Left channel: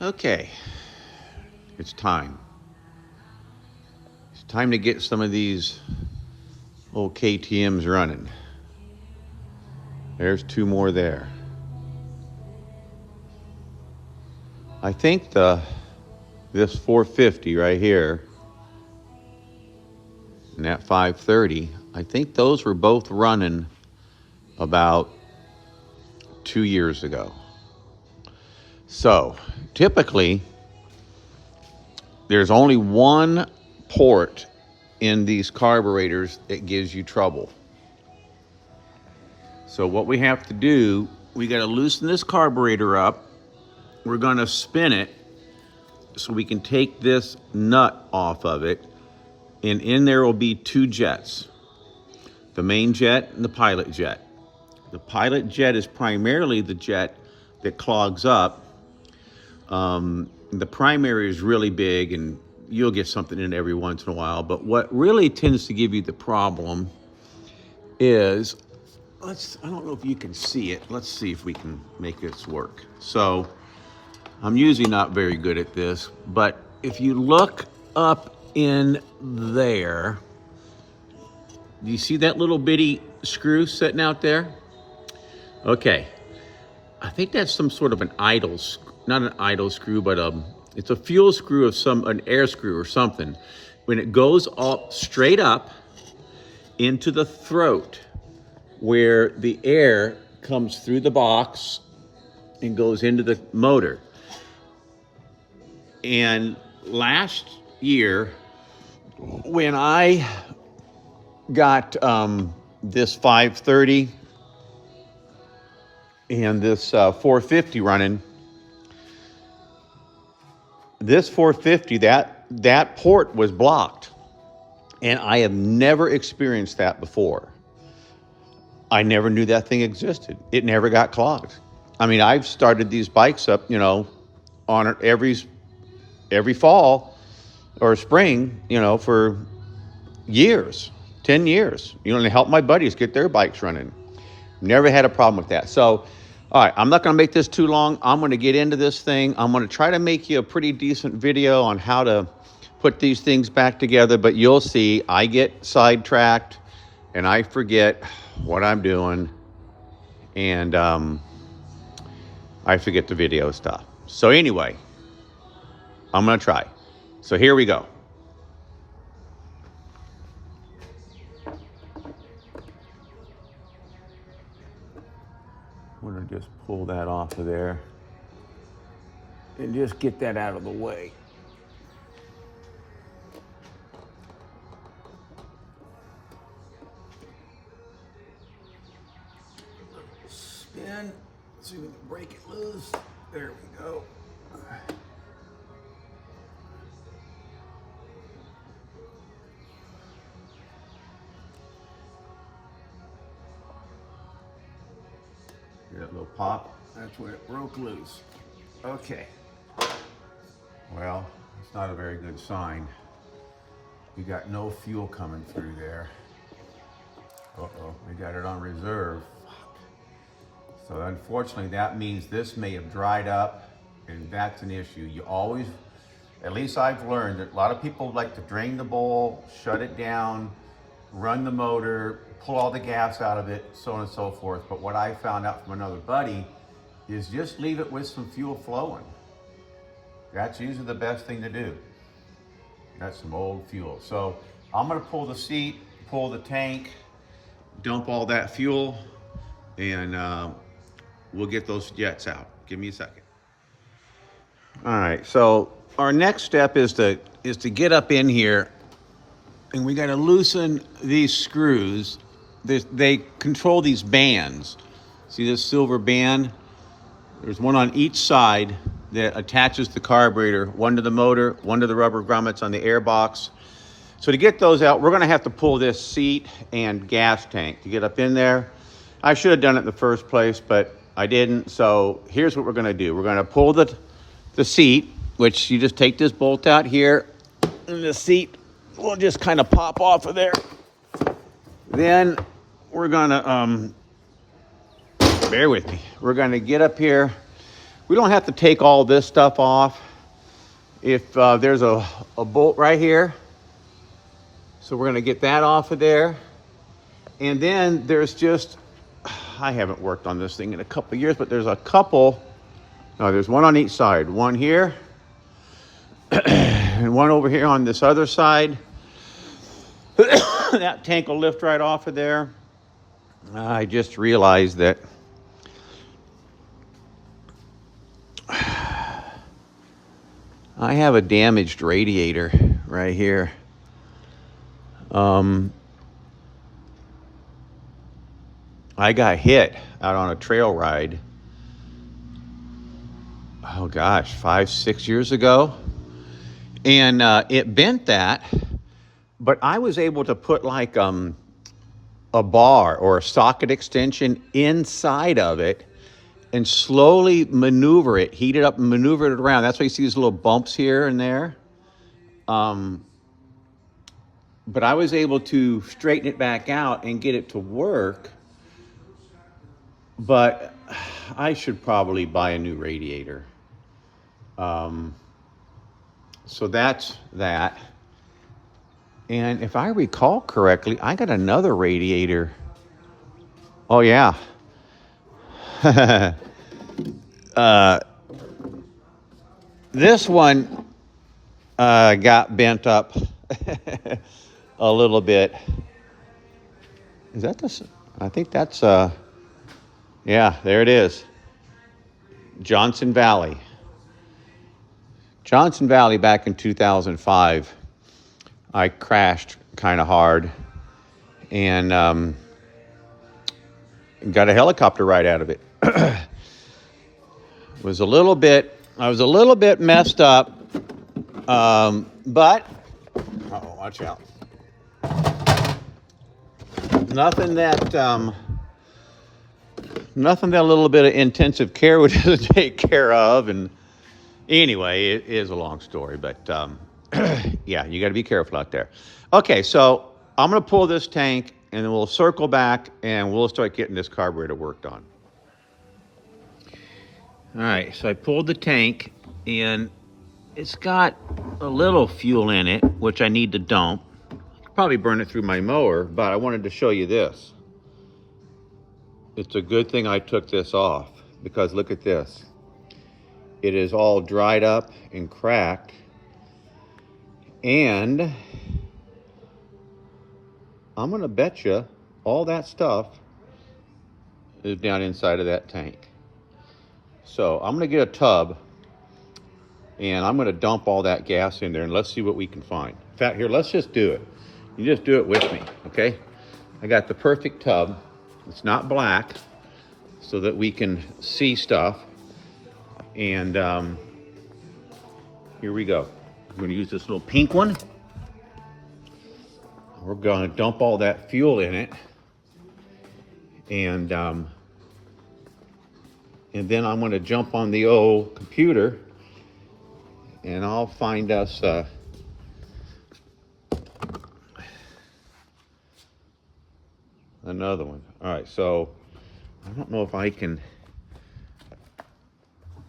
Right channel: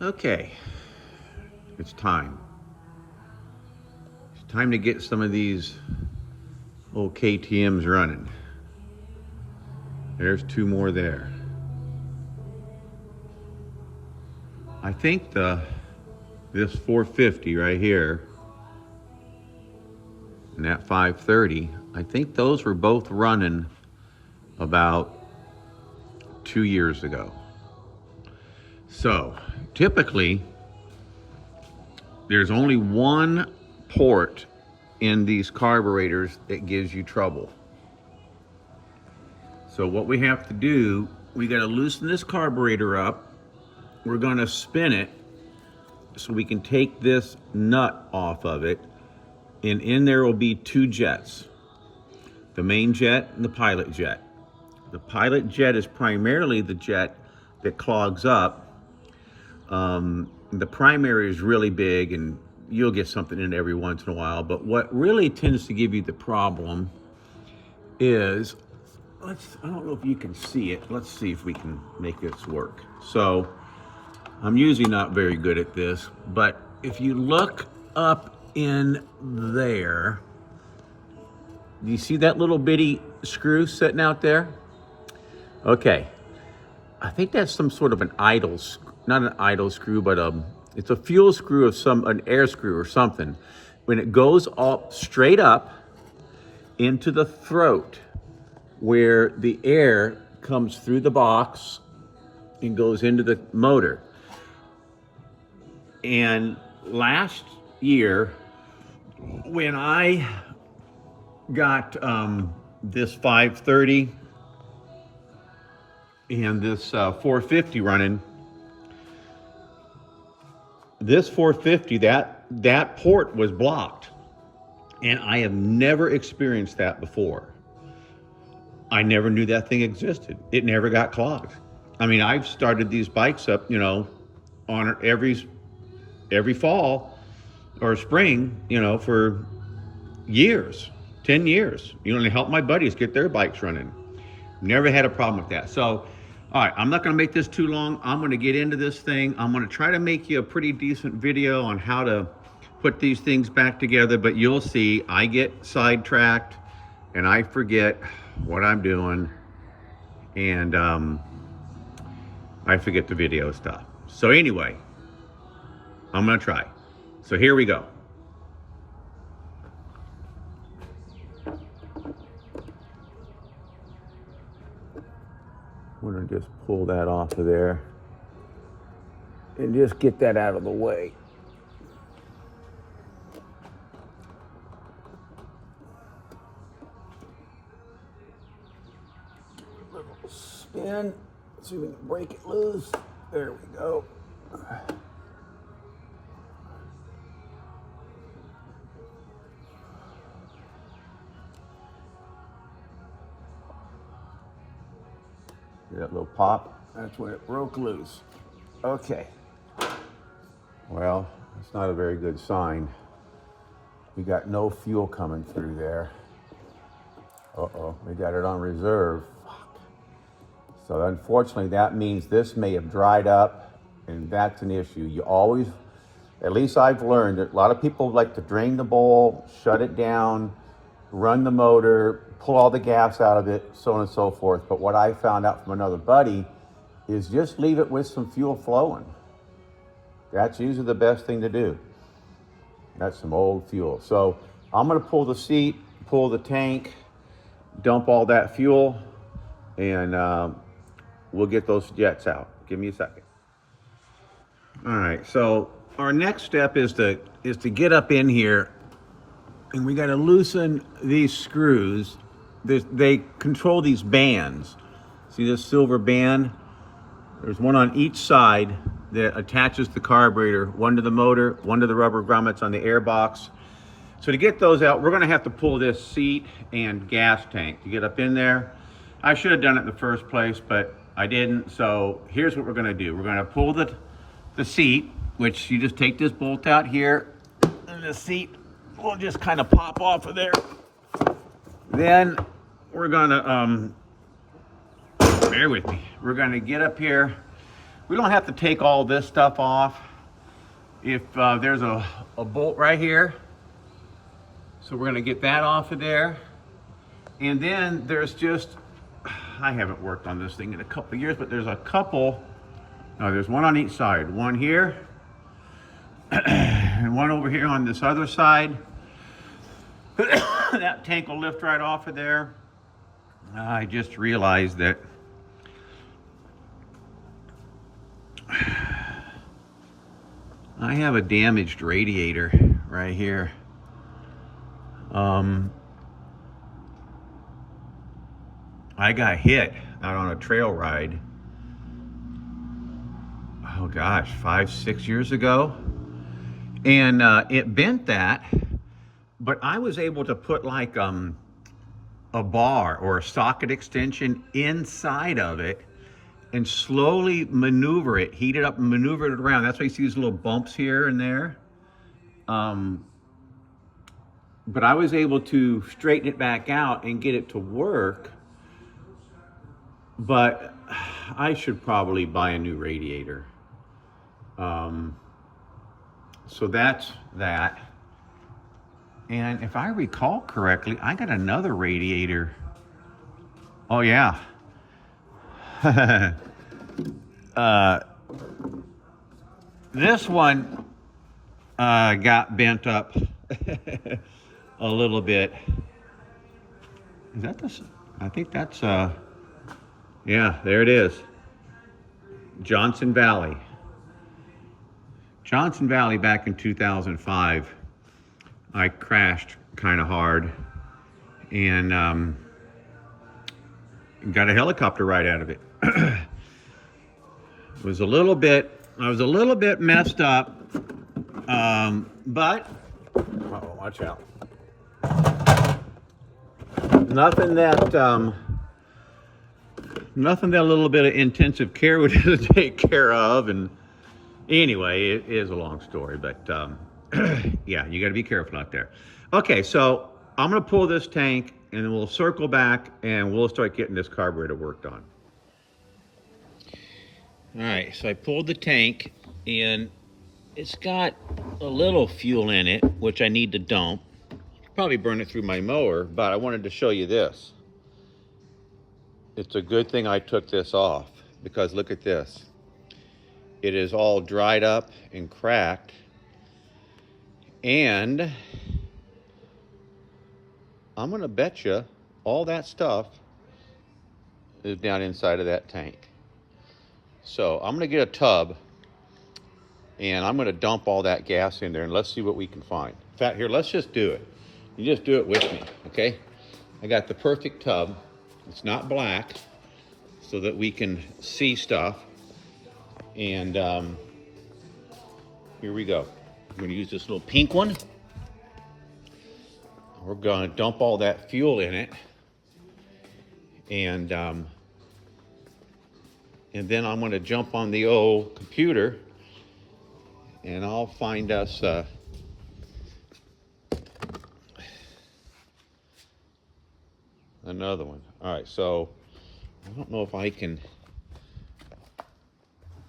Okay, it's time. It's time to get some of these old KTMs running. There's two more there. I think this 450 right here and that 530, I think those were both running about 2 years ago. So typically there's only one port in these carburetors that gives you trouble. So what we have to do, we got to loosen this carburetor up. We're going to spin it so we can take this nut off of it, and in there will be two jets, the main jet and the pilot jet. The pilot jet is primarily the jet that clogs up. The primary is really big and you'll get something in every once in a while, but what really tends to give you the problem is, I don't know if you can see it. Let's see if we can make this work. So I'm usually not very good at this, but if you look up in there, do you see that little bitty screw sitting out there? Okay, I think that's some sort of an idle, not an idle screw, but it's a fuel screw of an air screw or something. When it goes up, straight up into the throat, where the air comes through the box and goes into the motor. And last year, when I got this 530 and this 450 running, this 450, that port was blocked. And I have never experienced that before. I never knew that thing existed. It never got clogged. I mean, I've started these bikes up, on every fall or spring, for years, 10 years, to help my buddies get their bikes running. Never had a problem with that. So, all right, I'm not gonna make this too long. I'm gonna get into this thing. I'm gonna try to make you a pretty decent video on how to put these things back together, but you'll see I get sidetracked and I forget what I'm doing, and I forget the video stuff. So anyway, I'm gonna try. So here we go. I'm gonna just pull that off of there and just get that out of the way. Spin, see if we can break it loose. There we go. That little pop, that's when it broke loose. Okay. Well, it's not a very good sign. We got no fuel coming through there. Uh-oh, we got it on reserve. So unfortunately, that means this may have dried up, and that's an issue. You always, at least I've learned that a lot of people like to drain the bowl, shut it down, run the motor, pull all the gas out of it, so on and so forth. But what I found out from another buddy is just leave it with some fuel flowing. That's usually the best thing to do. That's some old fuel. So I'm gonna pull the seat, pull the tank, dump all that fuel, and we'll get those jets out. Give me a second. All right, so our next step is to get up in here, and we gotta loosen these screws. They control these bands. See this silver band? There's one on each side that attaches the carburetor, one to the motor, one to the rubber grommets on the air box. So to get those out, we're gonna have to pull this seat and gas tank to get up in there. I should have done it in the first place, but I didn't. So here's what we're gonna do. We're gonna pull the seat, which you just take this bolt out here, and the seat will just kind of pop off of there. Then we're gonna, bear with me. We're gonna get up here We don't have to take all this stuff off. If there's a bolt right here, so we're gonna get that off of there. And then there's just, I haven't worked on this thing in a couple of years, but there's a couple, no, there's one on each side. One here, and one over here on this other side. That tank will lift right off of there. I just realized that I have a damaged radiator right here. I got hit out on a trail ride. Oh gosh, 5-6 years ago. And it bent that, but I was able to put like a bar or a socket extension inside of it and slowly maneuver it, heat it up and maneuver it around. That's why you see these little bumps here and there. But I was able to straighten it back out and get it to work. But I should probably buy a new radiator. So that's that. And if I recall correctly, I got another radiator. Oh yeah. This one got bent up a little bit. Is that this? I think that's yeah, there it is. Johnson Valley. Johnson Valley back in 2005. I crashed kind of hard and got a helicopter ride out of it. I was a little bit messed up, but uh-oh, watch out. Nothing that a little bit of intensive care would take care of. And anyway, it is a long story, but yeah, you got to be careful out there. Okay, so I'm going to pull this tank and then we'll circle back and we'll start getting this carburetor worked on. All right, so I pulled the tank and it's got a little fuel in it, which I need to dump. Probably burn it through my mower, but I wanted to show you this. It's a good thing I took this off because look at this. It is all dried up and cracked. And I'm gonna bet you all that stuff is down inside of that tank. So I'm gonna get a tub and I'm gonna dump all that gas in there and let's see what we can find. In fact, here, let's just do it. You just do it with me, okay? I got the perfect tub. It's not black so that we can see stuff. And here we go. I'm gonna use this little pink one. We're gonna dump all that fuel in it. And then I'm gonna jump on the old computer and I'll find us another one. All right, so I don't know if I can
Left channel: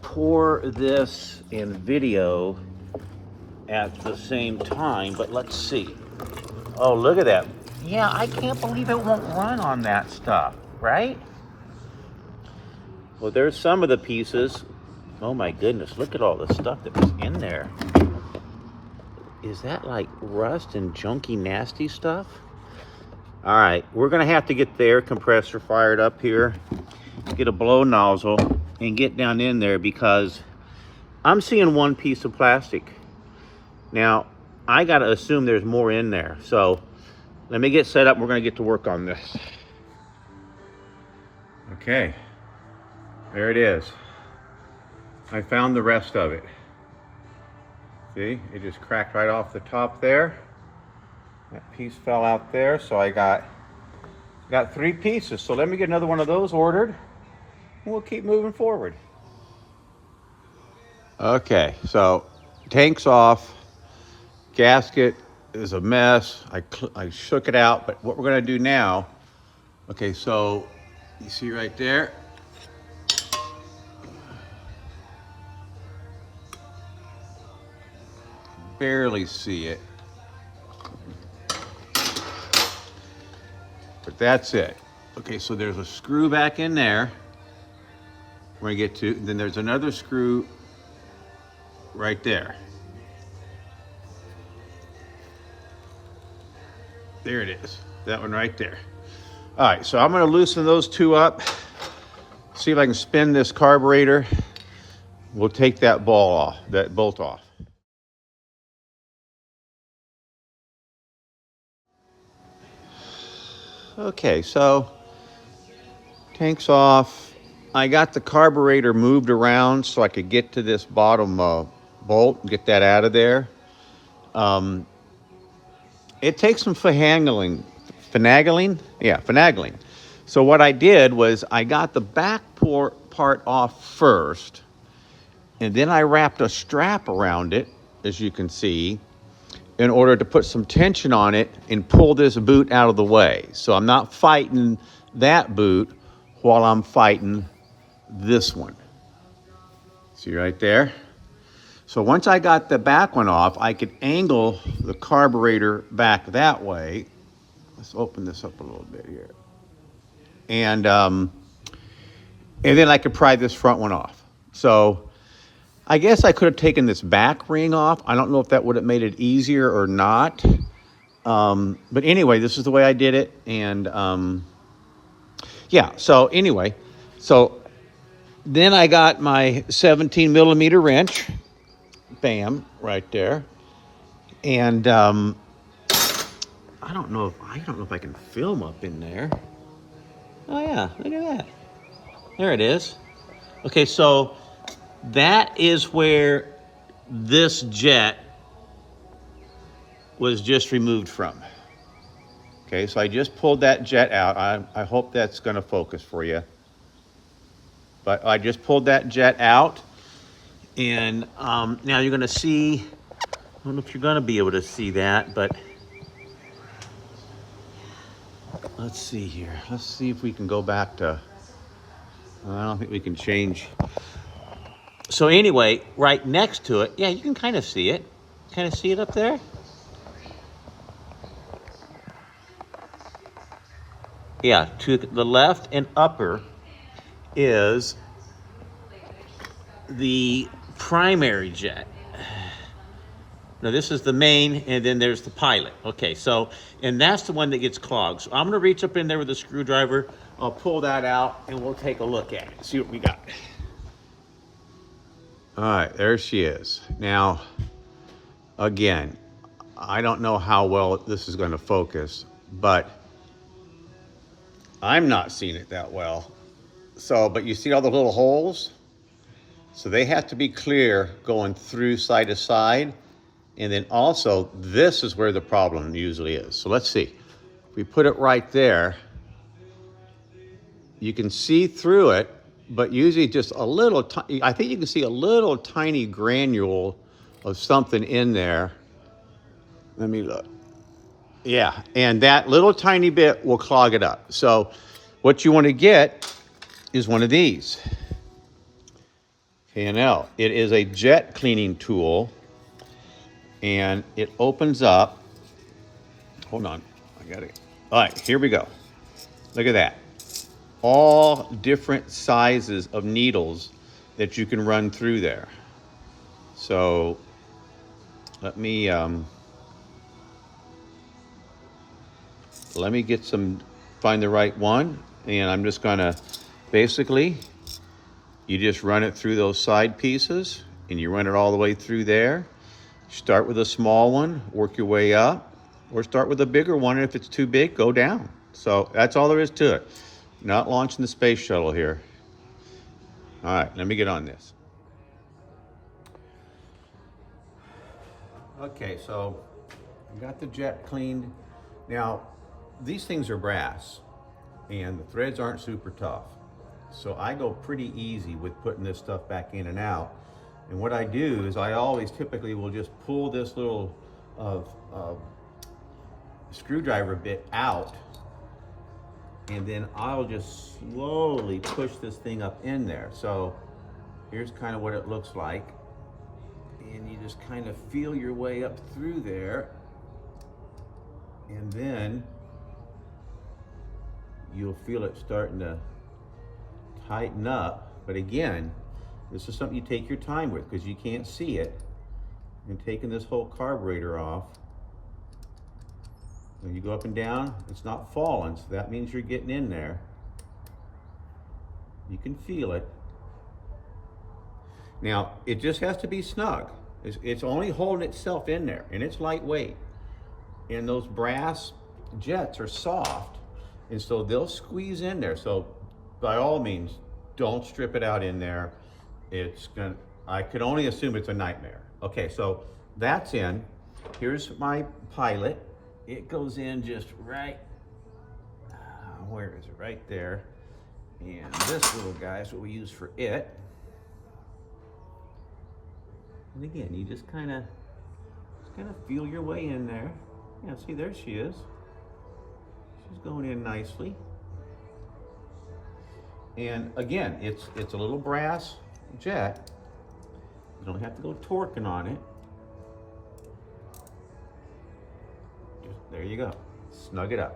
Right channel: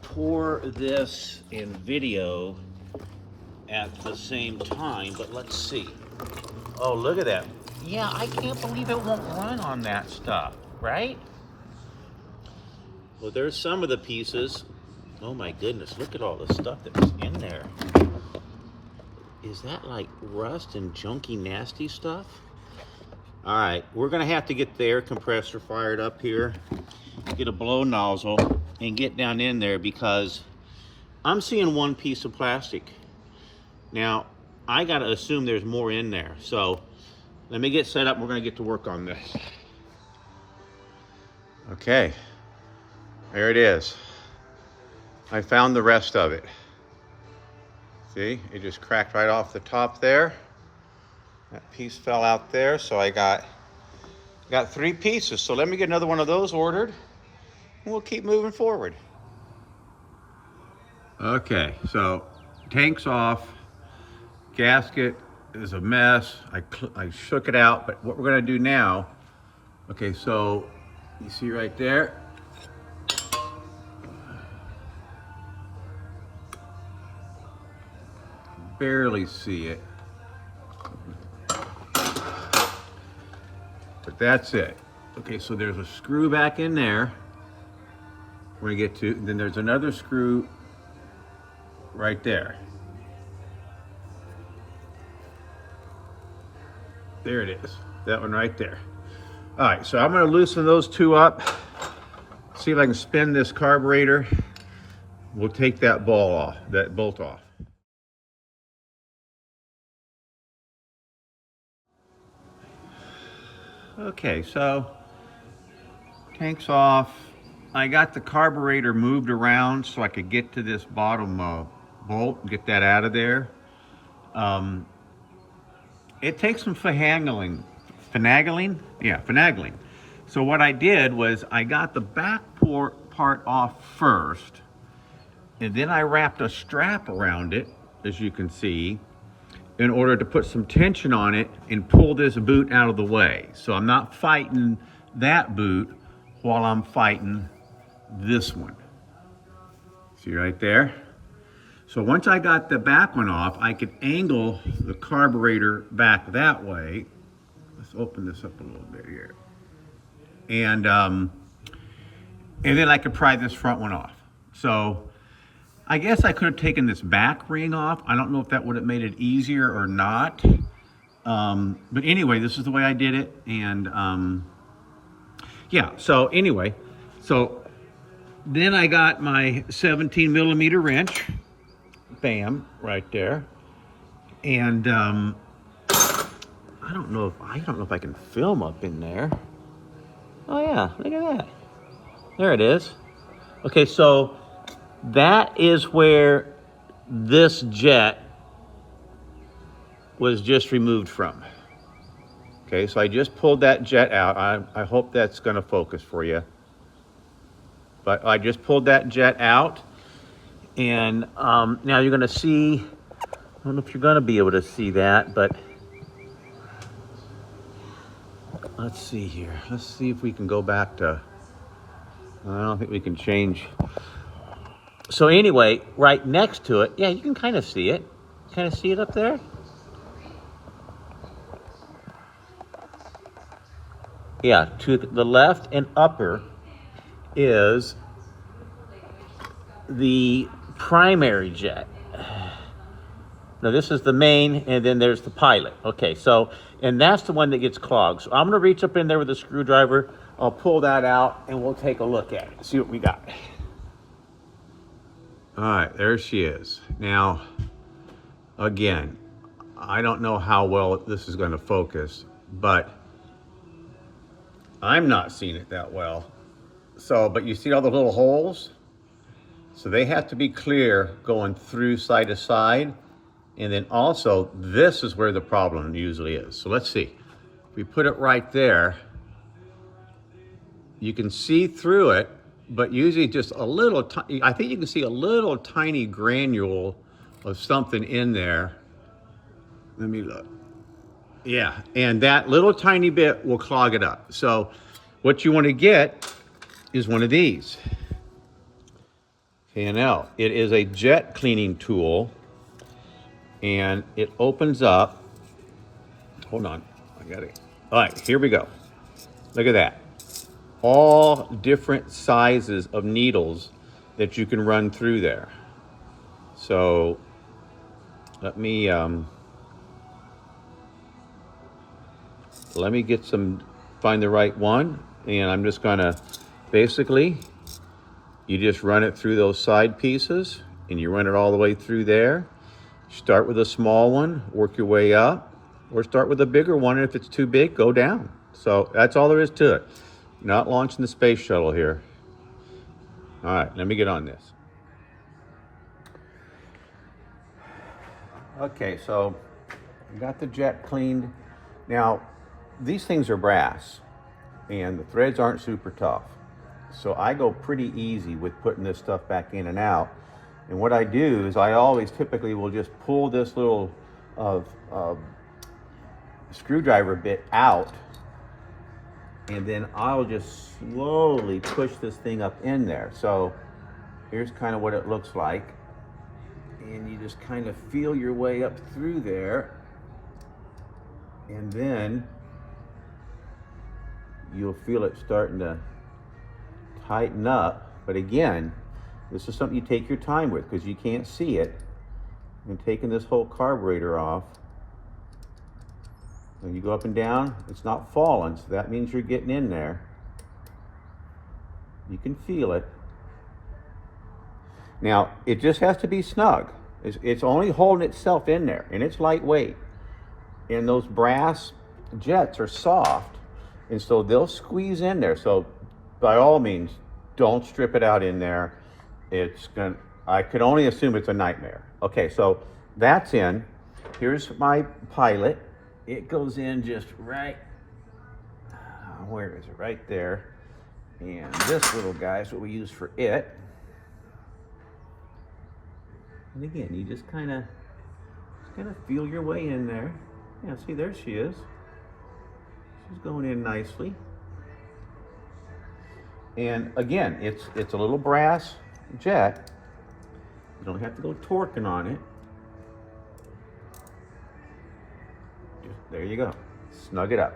pour this in video at the same time, but let's see. Oh, look at that. Yeah, I can't believe it won't run on that stuff, right? Well, there's some of the pieces. Oh my goodness, look at all the stuff that was in there. Is that like rust and junky, nasty stuff? All right, we're gonna have to get the air compressor fired up here, get a blow nozzle, and get down in there because I'm seeing one piece of plastic. Now, I gotta assume there's more in there. So let me get set up. We're gonna get to work on this. Okay, there it is. I found the rest of it. See, it just cracked right off the top there. That piece fell out there, so I got 3 pieces. So let me get another one of those ordered, and we'll keep moving forward. Okay, so tank's off. Gasket is a mess. I shook it out, but what we're gonna do now, okay, so you see right there, barely see it. But that's it. Okay, so there's a screw back in there. We're gonna get to, then there's another screw right there. There it is, that one right there. All right, so I'm gonna loosen those two up, see if I can spin this carburetor. We'll take that bolt off. Okay, so tank's off. I got the carburetor moved around so I could get to this bottom bolt and get that out of there. It takes some finagling. So what I did was I got the back part off first, and then I wrapped a strap around it, as you can see, in order to put some tension on it and pull this boot out of the way. So I'm not fighting that boot while I'm fighting this one. See right there? So once I got the back one off, I could angle the carburetor back that way. Let's open this up a little bit here. And then I could pry this front one off. So I guess I could have taken this back ring off. I don't know if that would have made it easier or not. But anyway, this is the way I did it. And yeah, so anyway, so then I got my 17 millimeter wrench. Bam, right there. And I don't know if I can film up in there. Oh yeah, look at that. There it is. Okay, so that is where this jet was just removed from. Okay, so I just pulled that jet out. I hope that's gonna focus for you. But I just pulled that jet out. And now you're gonna see, I don't know if you're gonna be able to see that, but let's see here. Let's see if we can go back to, I don't think we can change. So anyway, right next to it, yeah, you can kind of see it. Kind of see it up there? Yeah, to the left and upper is the primary jet. Now this is the main, and then there's the pilot. Okay, so, and that's the one that gets clogged. So I'm gonna reach up in there with a screwdriver. I'll pull that out and we'll take a look at it, see what we got. All right, there she is. Now, again, I don't know how well this is gonna focus, but I'm not seeing it that well. So, but you see all the little holes? So they have to be clear going through side to side. And then also, this is where the problem usually is. So let's see. If we put it right there, you can see through it, but usually just a little, I think you can see a little tiny granule of something in there. Let me look. Yeah, and that little tiny bit will clog it up. So what you want to get is one of these. K&L. It is a jet cleaning tool, and it opens up. Hold on, I got it. All right, here we go. Look at that. All different sizes of needles that you can run through there. So let me find the right one, and I'm just gonna basically, you just run it through those side pieces, and you run it all the way through there. Start with a small one, work your way up, or start with a bigger one, and if it's too big, go down. So that's all there is to it. Not launching the space shuttle here. All right, let me get on this. Okay, so I got the jet cleaned. Now, these things are brass, and the threads aren't super tough. So I go pretty easy with putting this stuff back in and out. And what I do is I always typically will just pull this little screwdriver bit out, and then I'll just slowly push this thing up in there. So here's kind of what it looks like. And you just kind of feel your way up through there. And then you'll feel it starting to tighten up. But again, this is something you take your time with because you can't see it. And taking this whole carburetor off, when you go up and down, it's not falling, so that means you're getting in there. You can feel it. Now, it just has to be snug. It's only holding itself in there, and it's lightweight. And those brass jets are soft, and so they'll squeeze in there. So by all means, don't strip it out in there. I could only assume it's a nightmare. Okay, so that's in. Here's my pilot. It goes in just right, where is it? Right there. And this little guy is what we use for it. And again, you just kind of feel your way in there. Yeah, see, there she is. She's going in nicely. And again, it's a little brass jet. You don't have to go torquing on it. Just, there you go. Snug it up.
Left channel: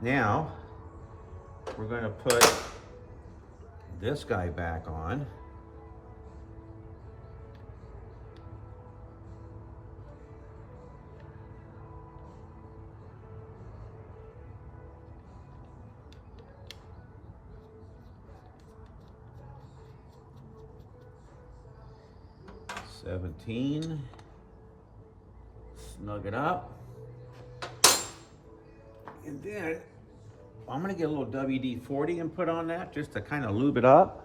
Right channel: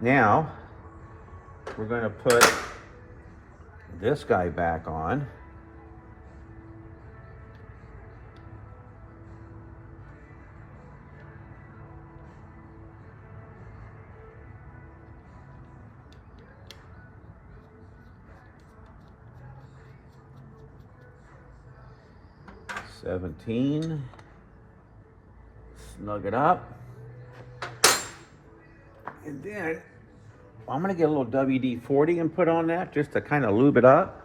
Now, we're going to put this guy back on. $17. Snug it up. And then I'm going to get a little WD-40 and put on that just to kind of lube it up.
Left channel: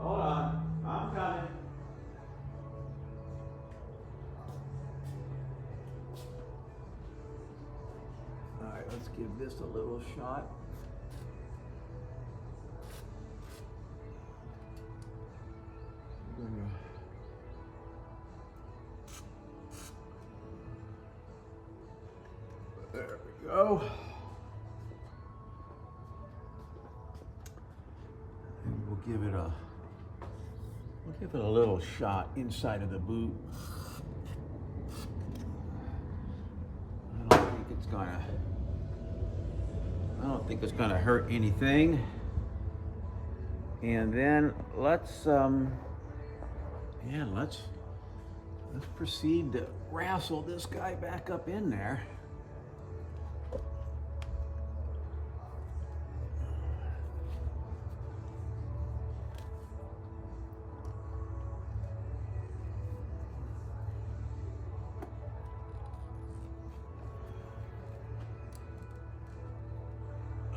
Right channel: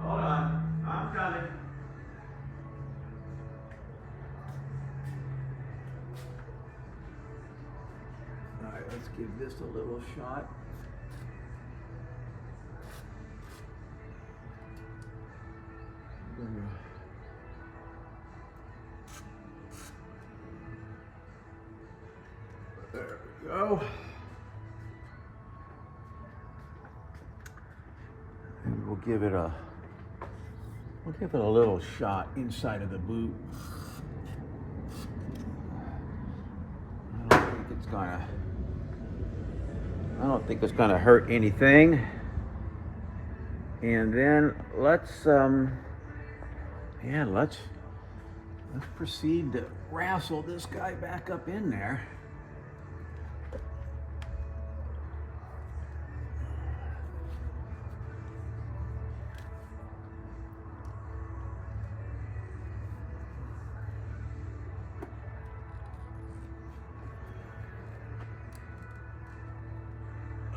Hold on, I'm coming. All right, let's give this a little shot. There we go. And we'll give it a little shot inside of the boot. I don't think it's gonna hurt anything. And then let's proceed to wrestle this guy back up in there.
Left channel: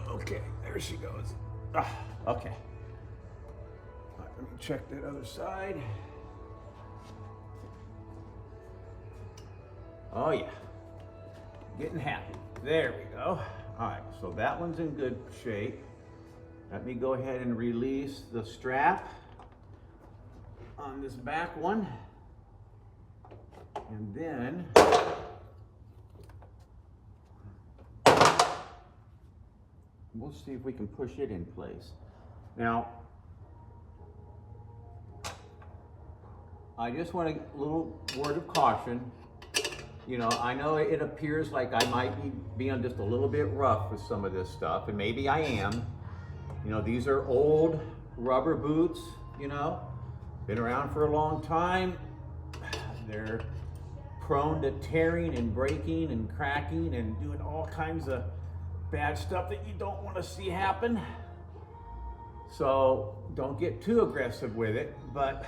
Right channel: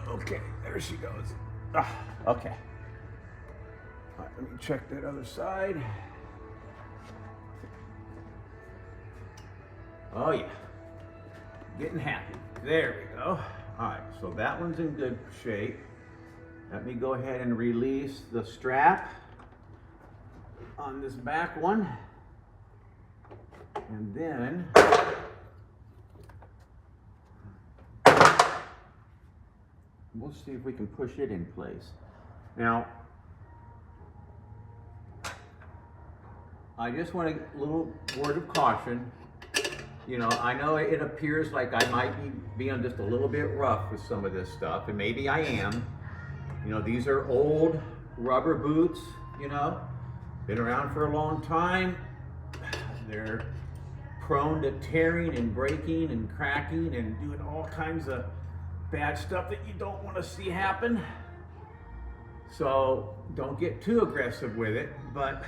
Okay, there she goes. Okay. All right, let me check that other side. Oh yeah, getting happy. There we go. All right, so that one's in good shape. Let me go ahead and release the strap on this back one. And then we'll see if we can push it in place. Now, I just want a little word of caution. You know, I know it appears like I might be being just a little bit rough with some of this stuff, and maybe I am. You know, these are old rubber boots, you know, been around for a long time. They're prone to tearing and breaking and cracking and doing all kinds of bad stuff that you don't want to see happen. So don't get too aggressive with it, but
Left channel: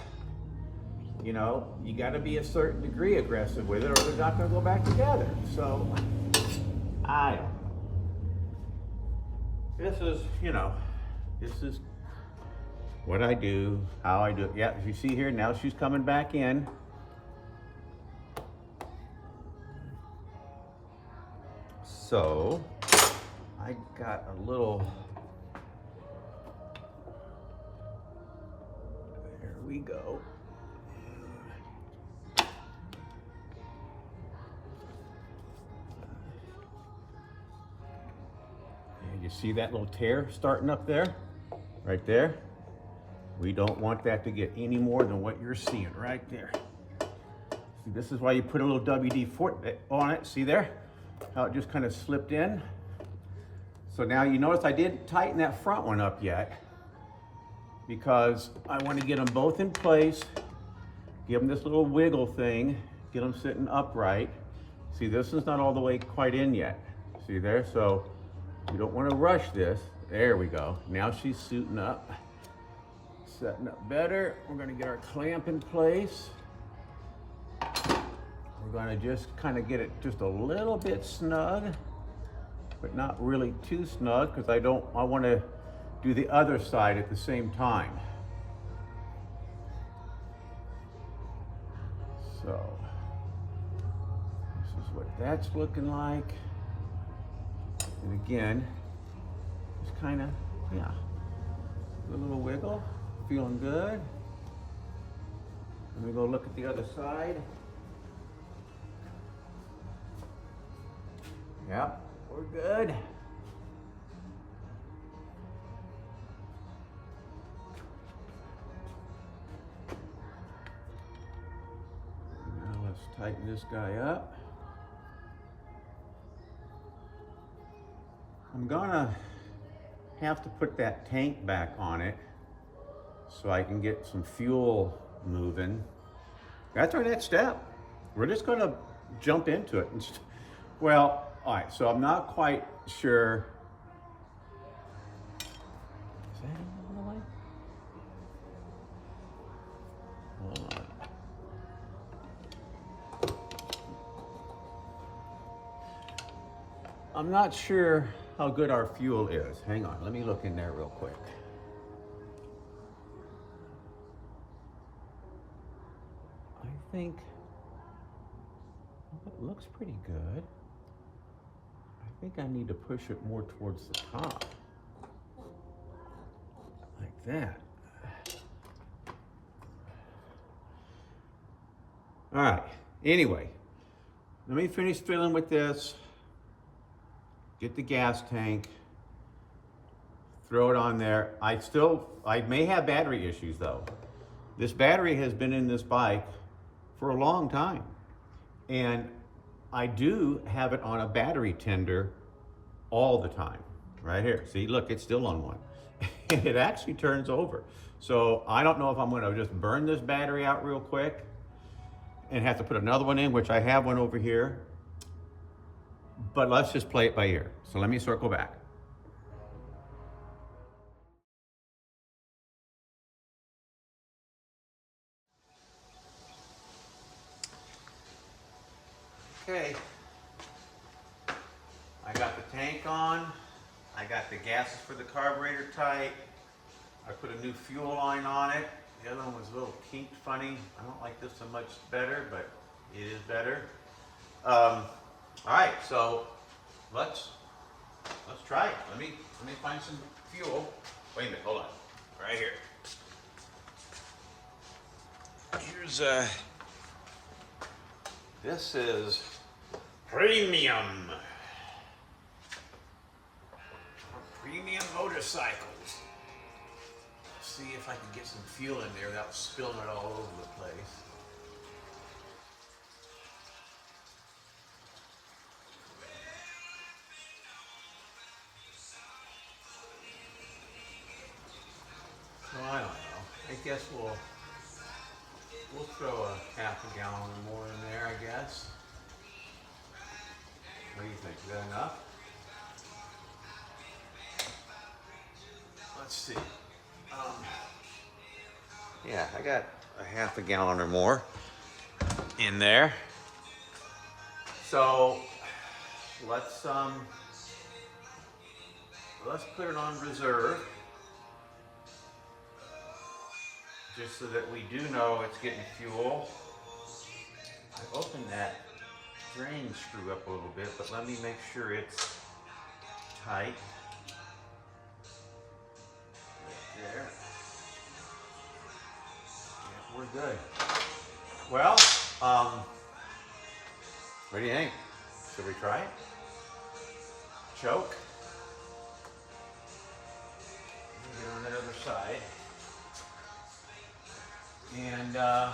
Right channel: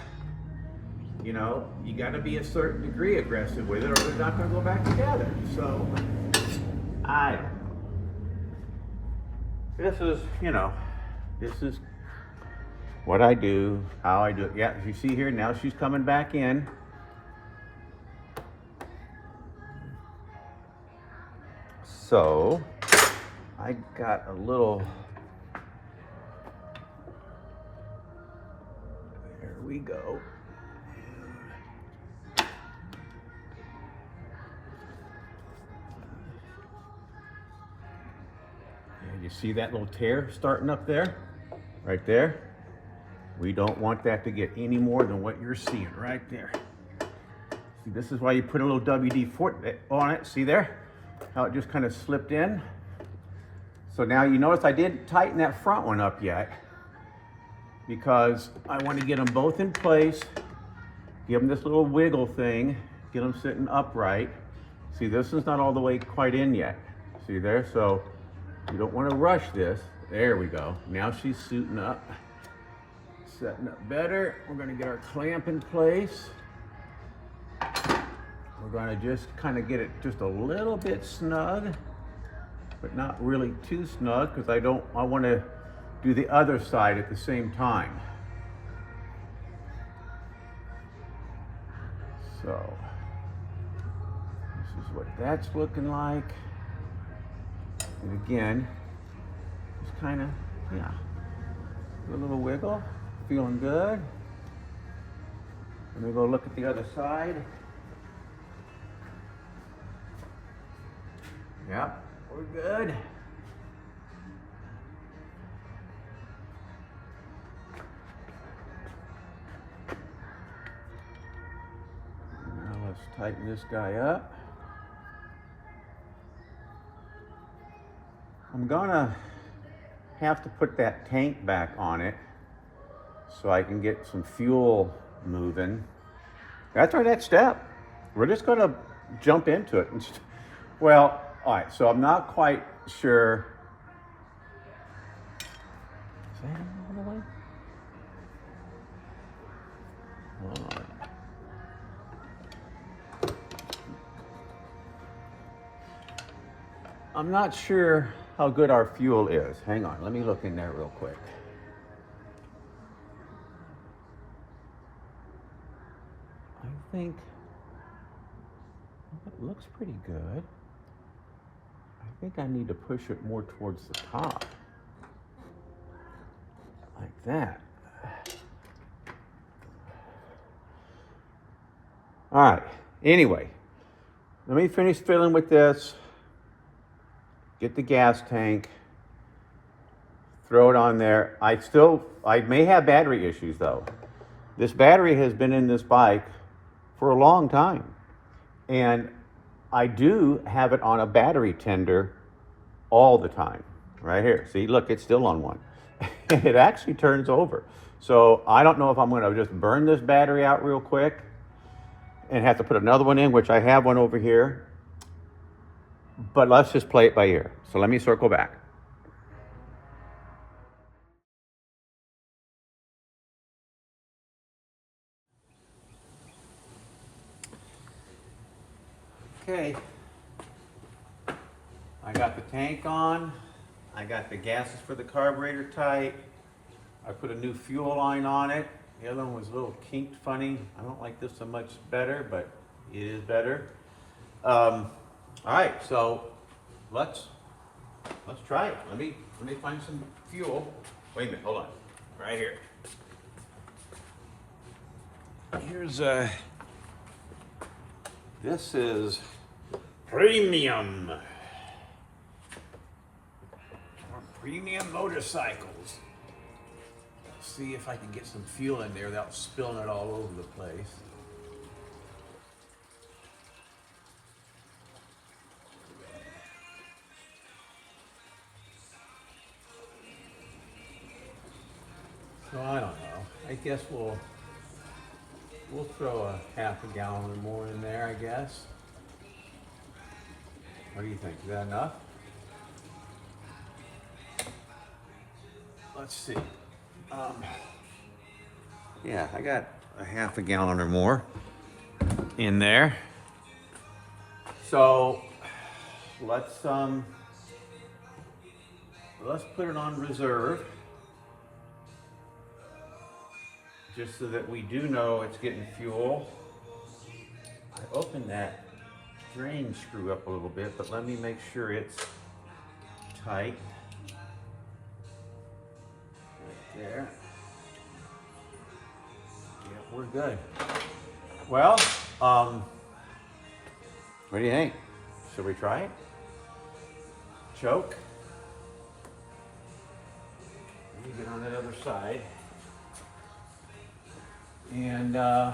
you know, you got to be a certain degree aggressive with it or they're not going to go back together. So I don't know. This is, you know, this is what I do, how I do it. Yeah, you see here, now she's coming back in. So I got a little, there we go. You see that little tear starting up there? Right there? We don't want that to get any more than what you're seeing right there. See, this is why you put a little WD-40 on it. See there? How it just kind of slipped in. So now you notice I didn't tighten that front one up yet because I want to get them both in place, give them this little wiggle thing, get them sitting upright. See, this is not all the way quite in yet. See there? So you don't want to rush this. There we go. Now she's suiting up, setting up better. We're going to get our clamp in place. We're going to just kind of get it just a little bit snug, but not really too snug because I want to do the other side at the same time. So this is what that's looking like. And again, just kind of, yeah, do a little wiggle, feeling good. Let me go look at the other side. Yep, we're good. Now let's tighten this guy up. I'm gonna have to put that tank back on it so I can get some fuel moving. That's our next step. We're just gonna jump into it. Well, all right, so I'm not quite sure. Is that in all the way? Hold on. I'm not sure how good our fuel is. Hang on, let me look in there real quick. I think it looks pretty good. I think I need to push it more towards the top. Like that. All right, anyway, let me finish filling with this. Get the gas tank, throw it on there. I may have battery issues though. This battery has been in this bike for a long time. And I do have it on a battery tender all the time. Right here, see, look, it's still on one. It actually turns over. So I don't know if I'm gonna just burn this battery out real quick and have to put another one in, which I have one over here. But let's just play it by ear. So let me circle back. Okay. I got the tank on. I got the gases for the carburetor tight. I put a new fuel line on it. The other one was a little kinked funny. I don't like this so much better, but it is better. All right, so let's try it. Let me find some fuel. Wait a minute, hold on. Right here. Here's this is premium. Premium motorcycles. Let's see if I can get some fuel in there without spilling it all over the place. So I don't know. I guess we'll throw a half a gallon or more in there, I guess. What do you think? Is that enough? Let's see. Yeah, I got a half a gallon or more in there. So let's put it on reserve, just so that we do know it's getting fuel. I opened that drain screw up a little bit, but let me make sure it's tight. Right there. Yeah, we're good. Well, what do you think? Should we try it? Choke? side. And I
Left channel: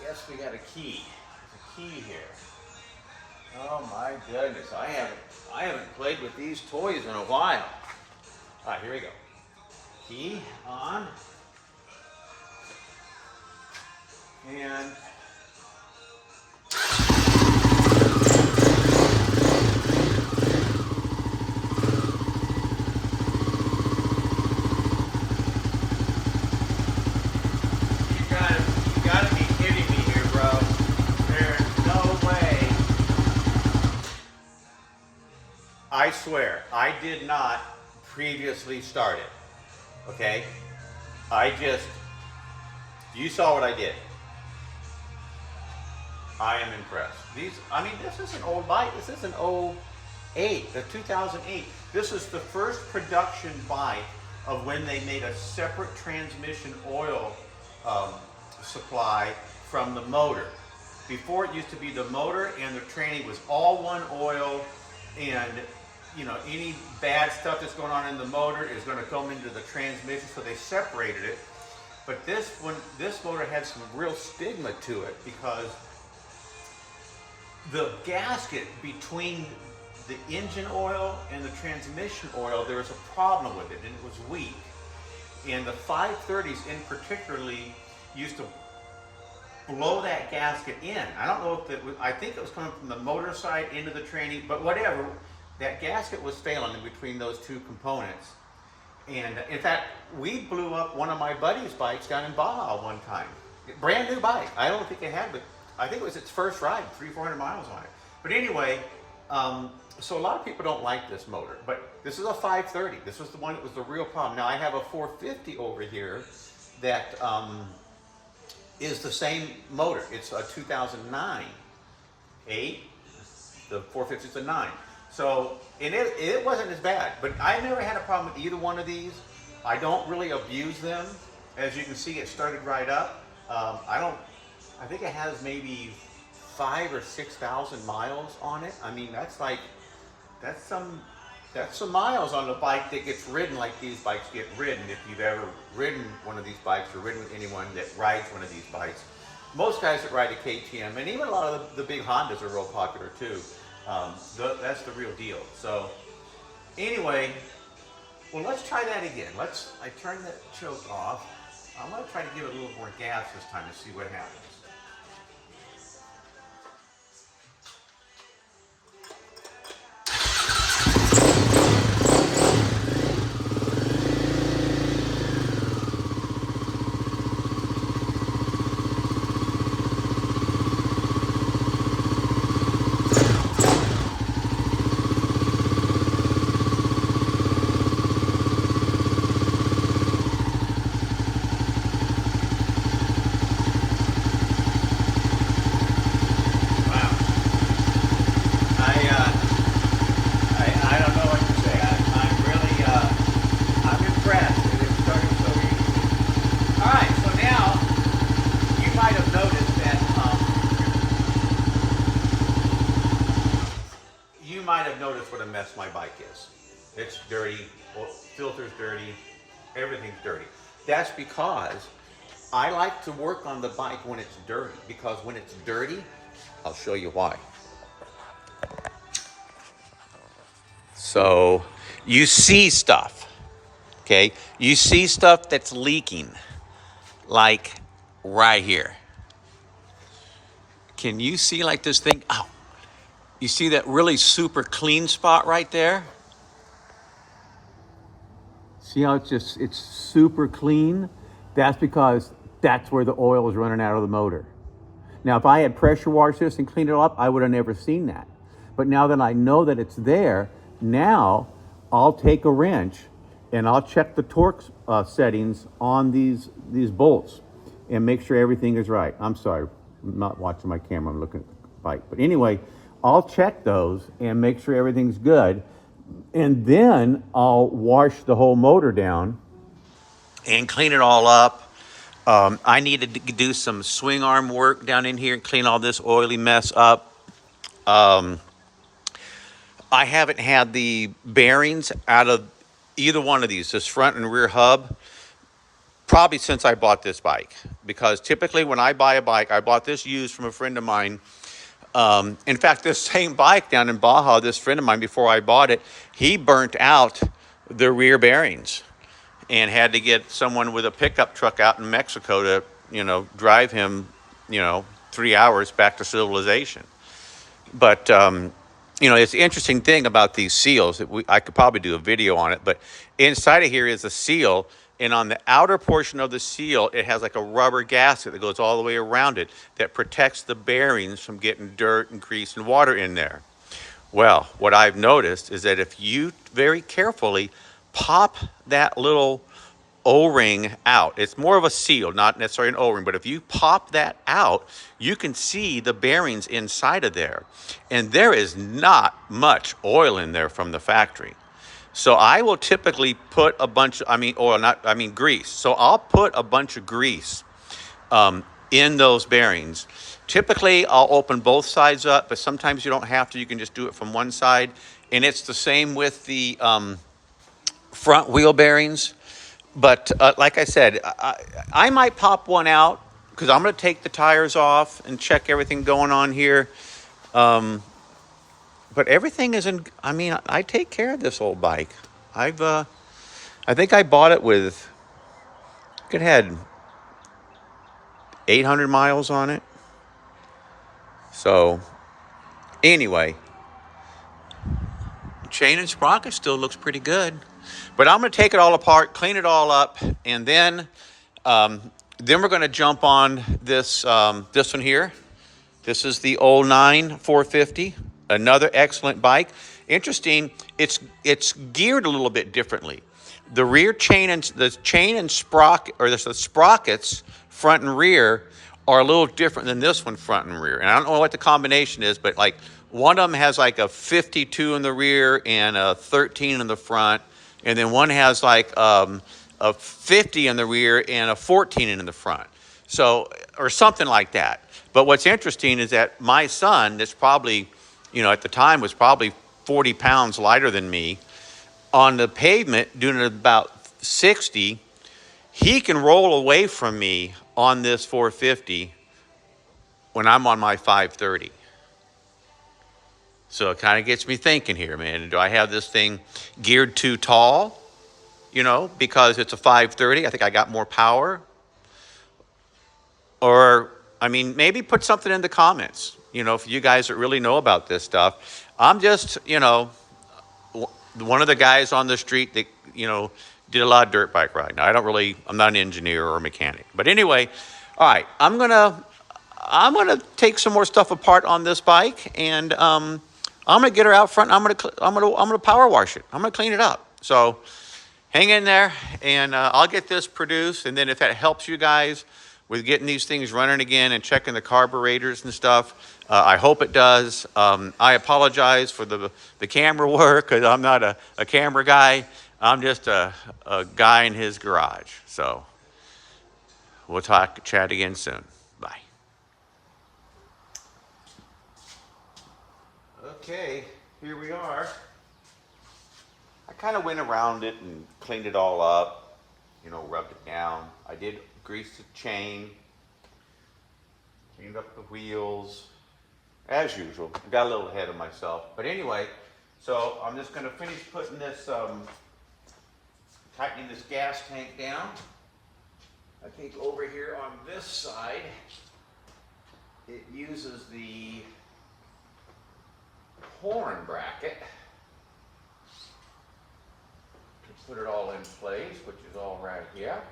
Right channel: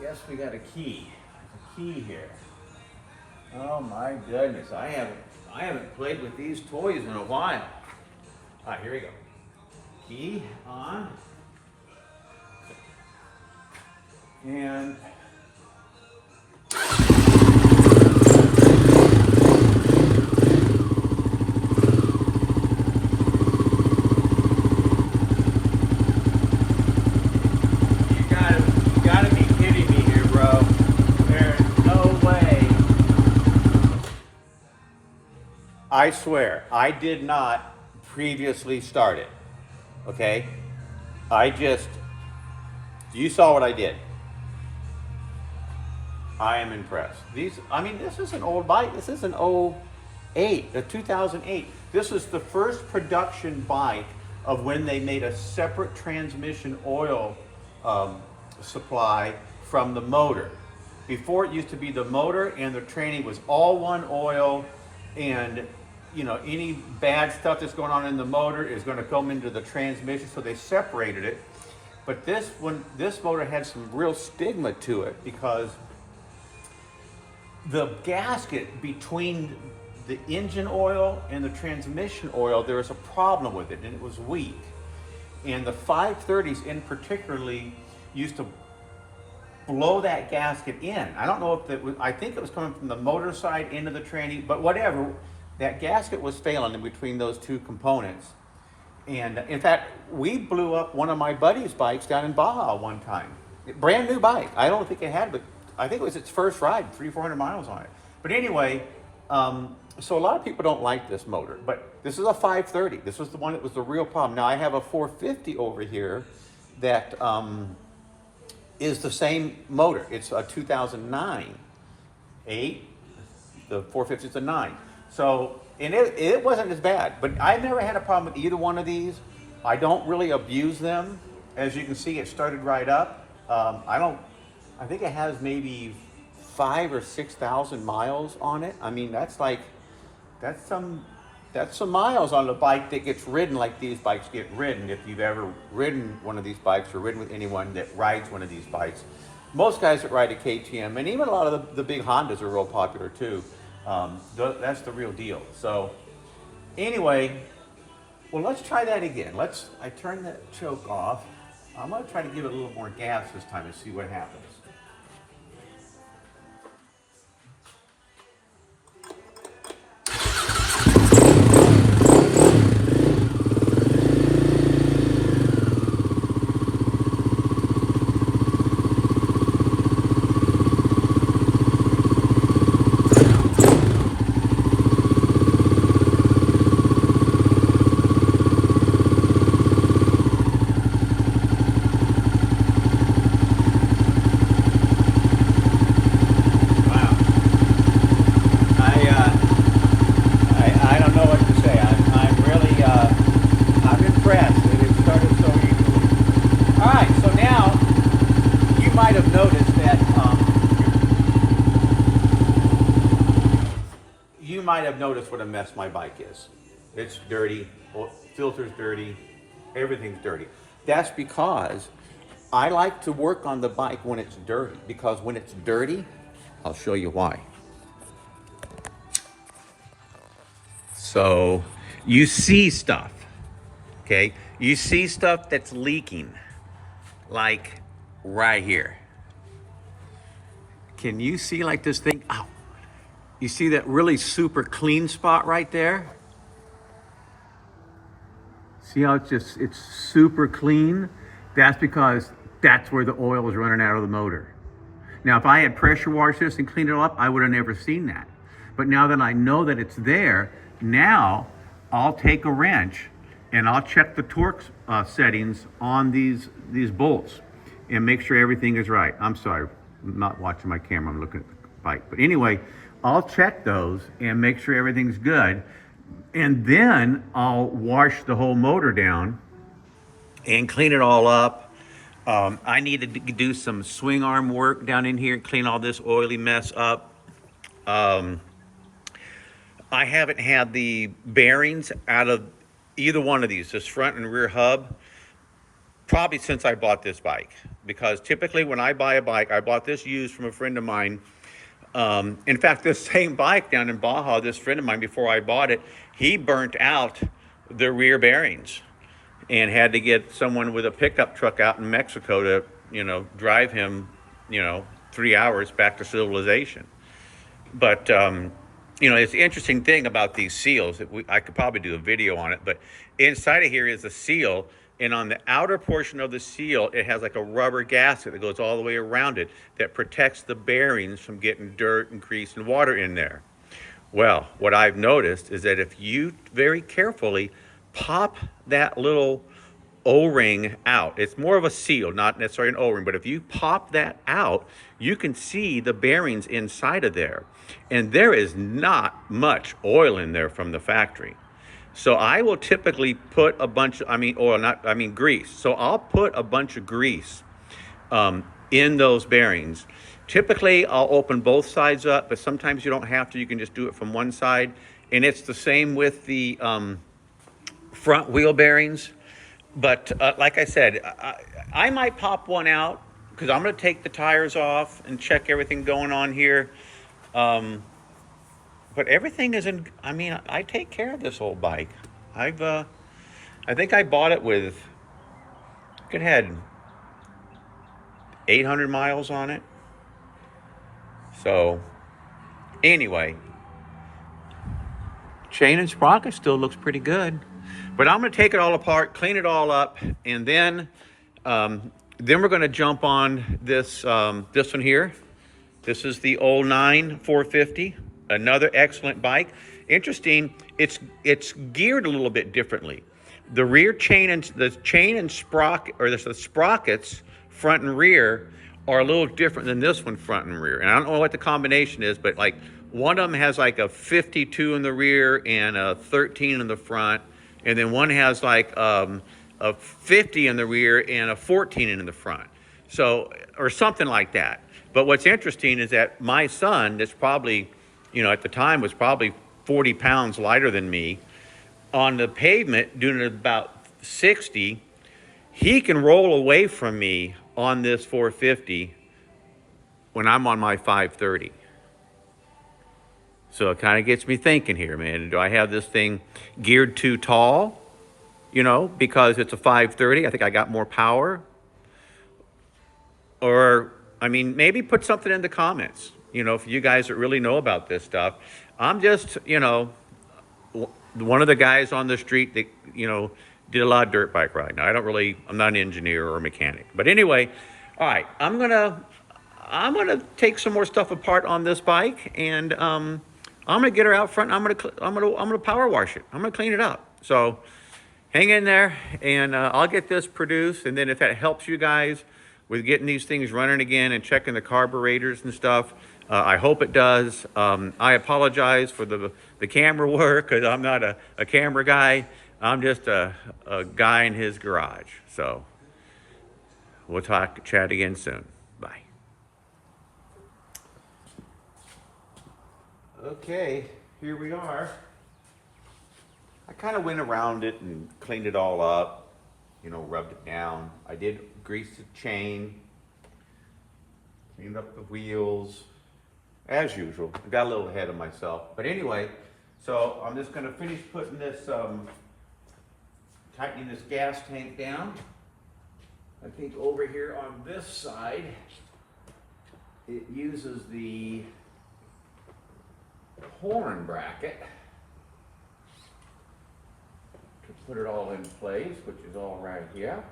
guess we got a key. There's a key here. Oh my goodness, I haven't played with these toys in a while. All right, here we go. Key on. And I swear, I did not previously start it, okay? You saw what I did. I am impressed. This is an old bike. This is an 2008. This is the first production bike of when they made a separate transmission oil supply from the motor. Before, it used to be the motor and the training was all one oil, and any bad stuff that's going on in the motor is going to come into the transmission, so they separated it. But this motor had some real stigma to it because the gasket between the engine oil and the transmission oil, there was a problem with it, and it was weak. And the 530s in particularly used to blow that gasket in. I don't know if it was, I think it was coming from the motor side into the tranny, but whatever. That gasket was failing in between those two components. And in fact, we blew up one of my buddy's bikes down in Baja one time. Brand new bike. I don't think it had, but I think it was its first ride, 300-400 miles on it. But anyway, so a lot of people don't like this motor, but this is a 530. This was the one that was the real problem. Now I have a 450 over here that is the same motor. It's a 2009, 8, the 450 is a 9. So, and it wasn't as bad, but I never had a problem with either one of these. I don't really abuse them. As you can see, it started right up. I think it has maybe 5,000 or 6,000 miles on it. I mean, that's some miles on a bike that gets ridden like these bikes get ridden. If you've ever ridden one of these bikes or ridden with anyone that rides one of these bikes, most guys that ride a KTM, and even a lot of the big Hondas are real popular too. That's the real deal. So anyway, well, let's try that again. I turn that choke off. I'm going to try to give it a little more gas this time and see what happens. Might have noticed what a mess my bike is. It's dirty, filter's dirty, everything's dirty. That's because I like to work on the bike when it's dirty, because when it's dirty, I'll show you why. So you see stuff, okay? You see stuff that's leaking, like right here. Can you see like this thing? Ow. You see that really super clean spot right there? See how it's super clean? That's because that's where the oil is running out of the motor. Now, if I had pressure washed this and cleaned it up, I would have never seen that. But now that I know that it's there, now I'll take a wrench and I'll check the torque settings on these bolts and make sure everything is right. I'm sorry, I'm not watching my camera, I'm looking at the bike. But anyway, I'll check those and make sure everything's good. And then I'll wash the whole motor down and clean it all up. I needed to do some swing arm work down in here and clean all this oily mess up. I haven't had the bearings out of either one of these, this front and rear hub, probably since I bought this bike. Because typically when I buy a bike, I bought this used from a friend of mine. In fact, this same bike down in Baja, this friend of mine, before I bought it, he burnt out the rear bearings and had to get someone with a pickup truck out in Mexico to, drive him, 3 hours back to civilization. But, it's the interesting thing about these seals. I could probably do a video on it, but inside of here is a seal. And on the outer portion of the seal, it has like a rubber gasket that goes all the way around it that protects the bearings from getting dirt and grease and water in there. Well, what I've noticed is that if you very carefully pop that little O-ring out, it's more of a seal, not necessarily an O-ring, but if you pop that out, you can see the bearings inside of there. And there is not much oil in there from the factory. So I will typically put a bunch of, grease. So I'll put a bunch of grease in those bearings. Typically, I'll open both sides up, but sometimes you don't have to. You can just do it from one side. And it's the same with the front wheel bearings. But like I said, I might pop one out because I'm going to take the tires off and check everything going on here. But everything is in, I take care of this old bike. I think I bought it with, it had 800 miles on it. So anyway, chain and sprocket still looks pretty good. But I'm going to take it all apart, clean it all up, and then we're going to jump on this one here. This is the 09 450, another excellent bike. Interesting, it's geared a little bit differently. The rear chain and sprocket, or the sprockets, front and rear, are a little different than this one, front and rear. And I don't know what the combination is, but like one of them has like a 52 in the rear and a 13 in the front. And then one has like a 50 in the rear and a 14 in the front. So, or something like that. But what's interesting is that my son, that's probably, at the time was probably 40 pounds lighter than me, on the pavement doing about 60, he can roll away from me on this 450 when I'm on my 530. So it kind of gets me thinking here, man. Do I have this thing geared too tall? Because it's a 530. I think I got more power. Or, maybe put something in the comments, for you guys that really know about this stuff. I'm just, one of the guys on the street that, did a lot of dirt bike riding. I'm not an engineer or a mechanic. But anyway, all right, I'm gonna take some more stuff apart on this bike, and I'm gonna get her out front. And I'm gonna power wash it. I'm gonna clean it up. So hang in there, and I'll get this produced. And then if that helps you guys with getting these things running again and checking the carburetors and stuff, I hope it does. I apologize for the camera work because I'm not a camera guy. I'm just a guy in his garage. So we'll chat again soon. Bye. Okay, here we are. I kind of went around it and cleaned it all up, rubbed it down. I did grease the chain, cleaned up the wheels, as usual. I got a little ahead of myself. But anyway, so I'm just going to finish putting this, tightening this gas tank down. I think over here on this side, it uses the horn bracket to put it all in place, which is all right here.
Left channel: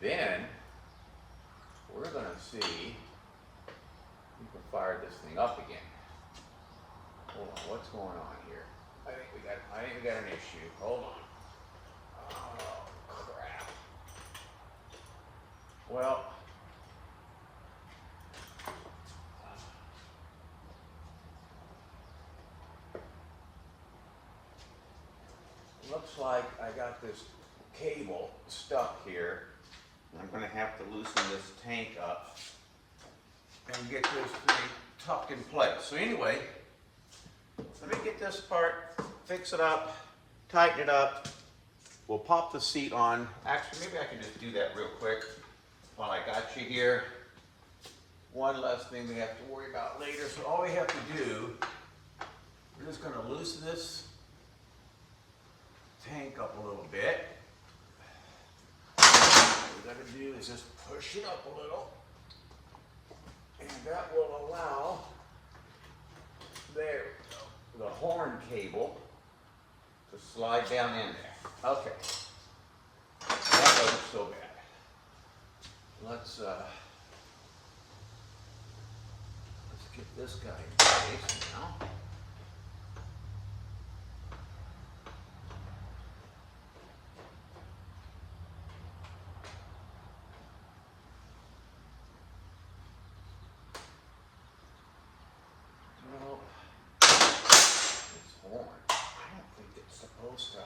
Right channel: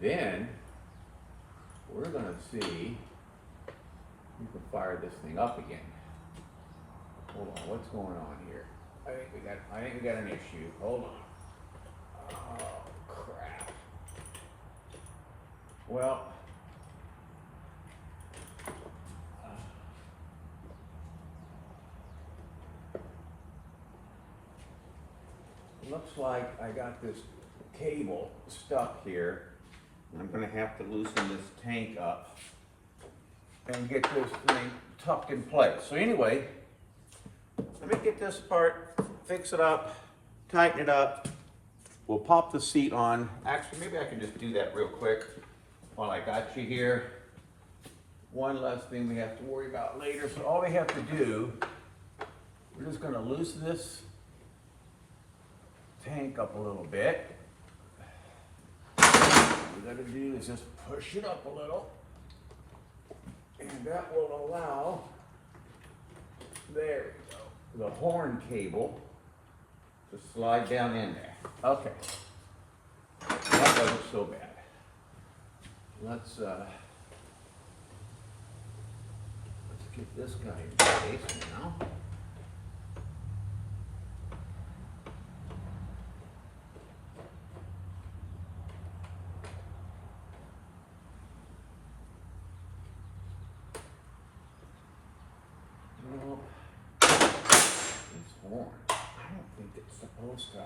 Then we're going to see if we can fire this thing up again. Hold on, what's going on here? I think we got an issue. Hold on. Oh crap. Well, looks like I got this cable stuck here. I'm going to have to loosen this tank up and get this thing tucked in place. So anyway, let me get this part, fix it up, tighten it up. We'll pop the seat on. Actually, maybe I can just do that real quick while I got you here. One less thing we have to worry about later. So all we have to do, we're just gonna loosen this tank up a little bit. What we gotta do is just push it up a little. And that will allow, there we go, the horn cable to slide down in there. Okay, that wasn't so bad. Let's get this guy in place now. Well, this horn, I don't think it's supposed to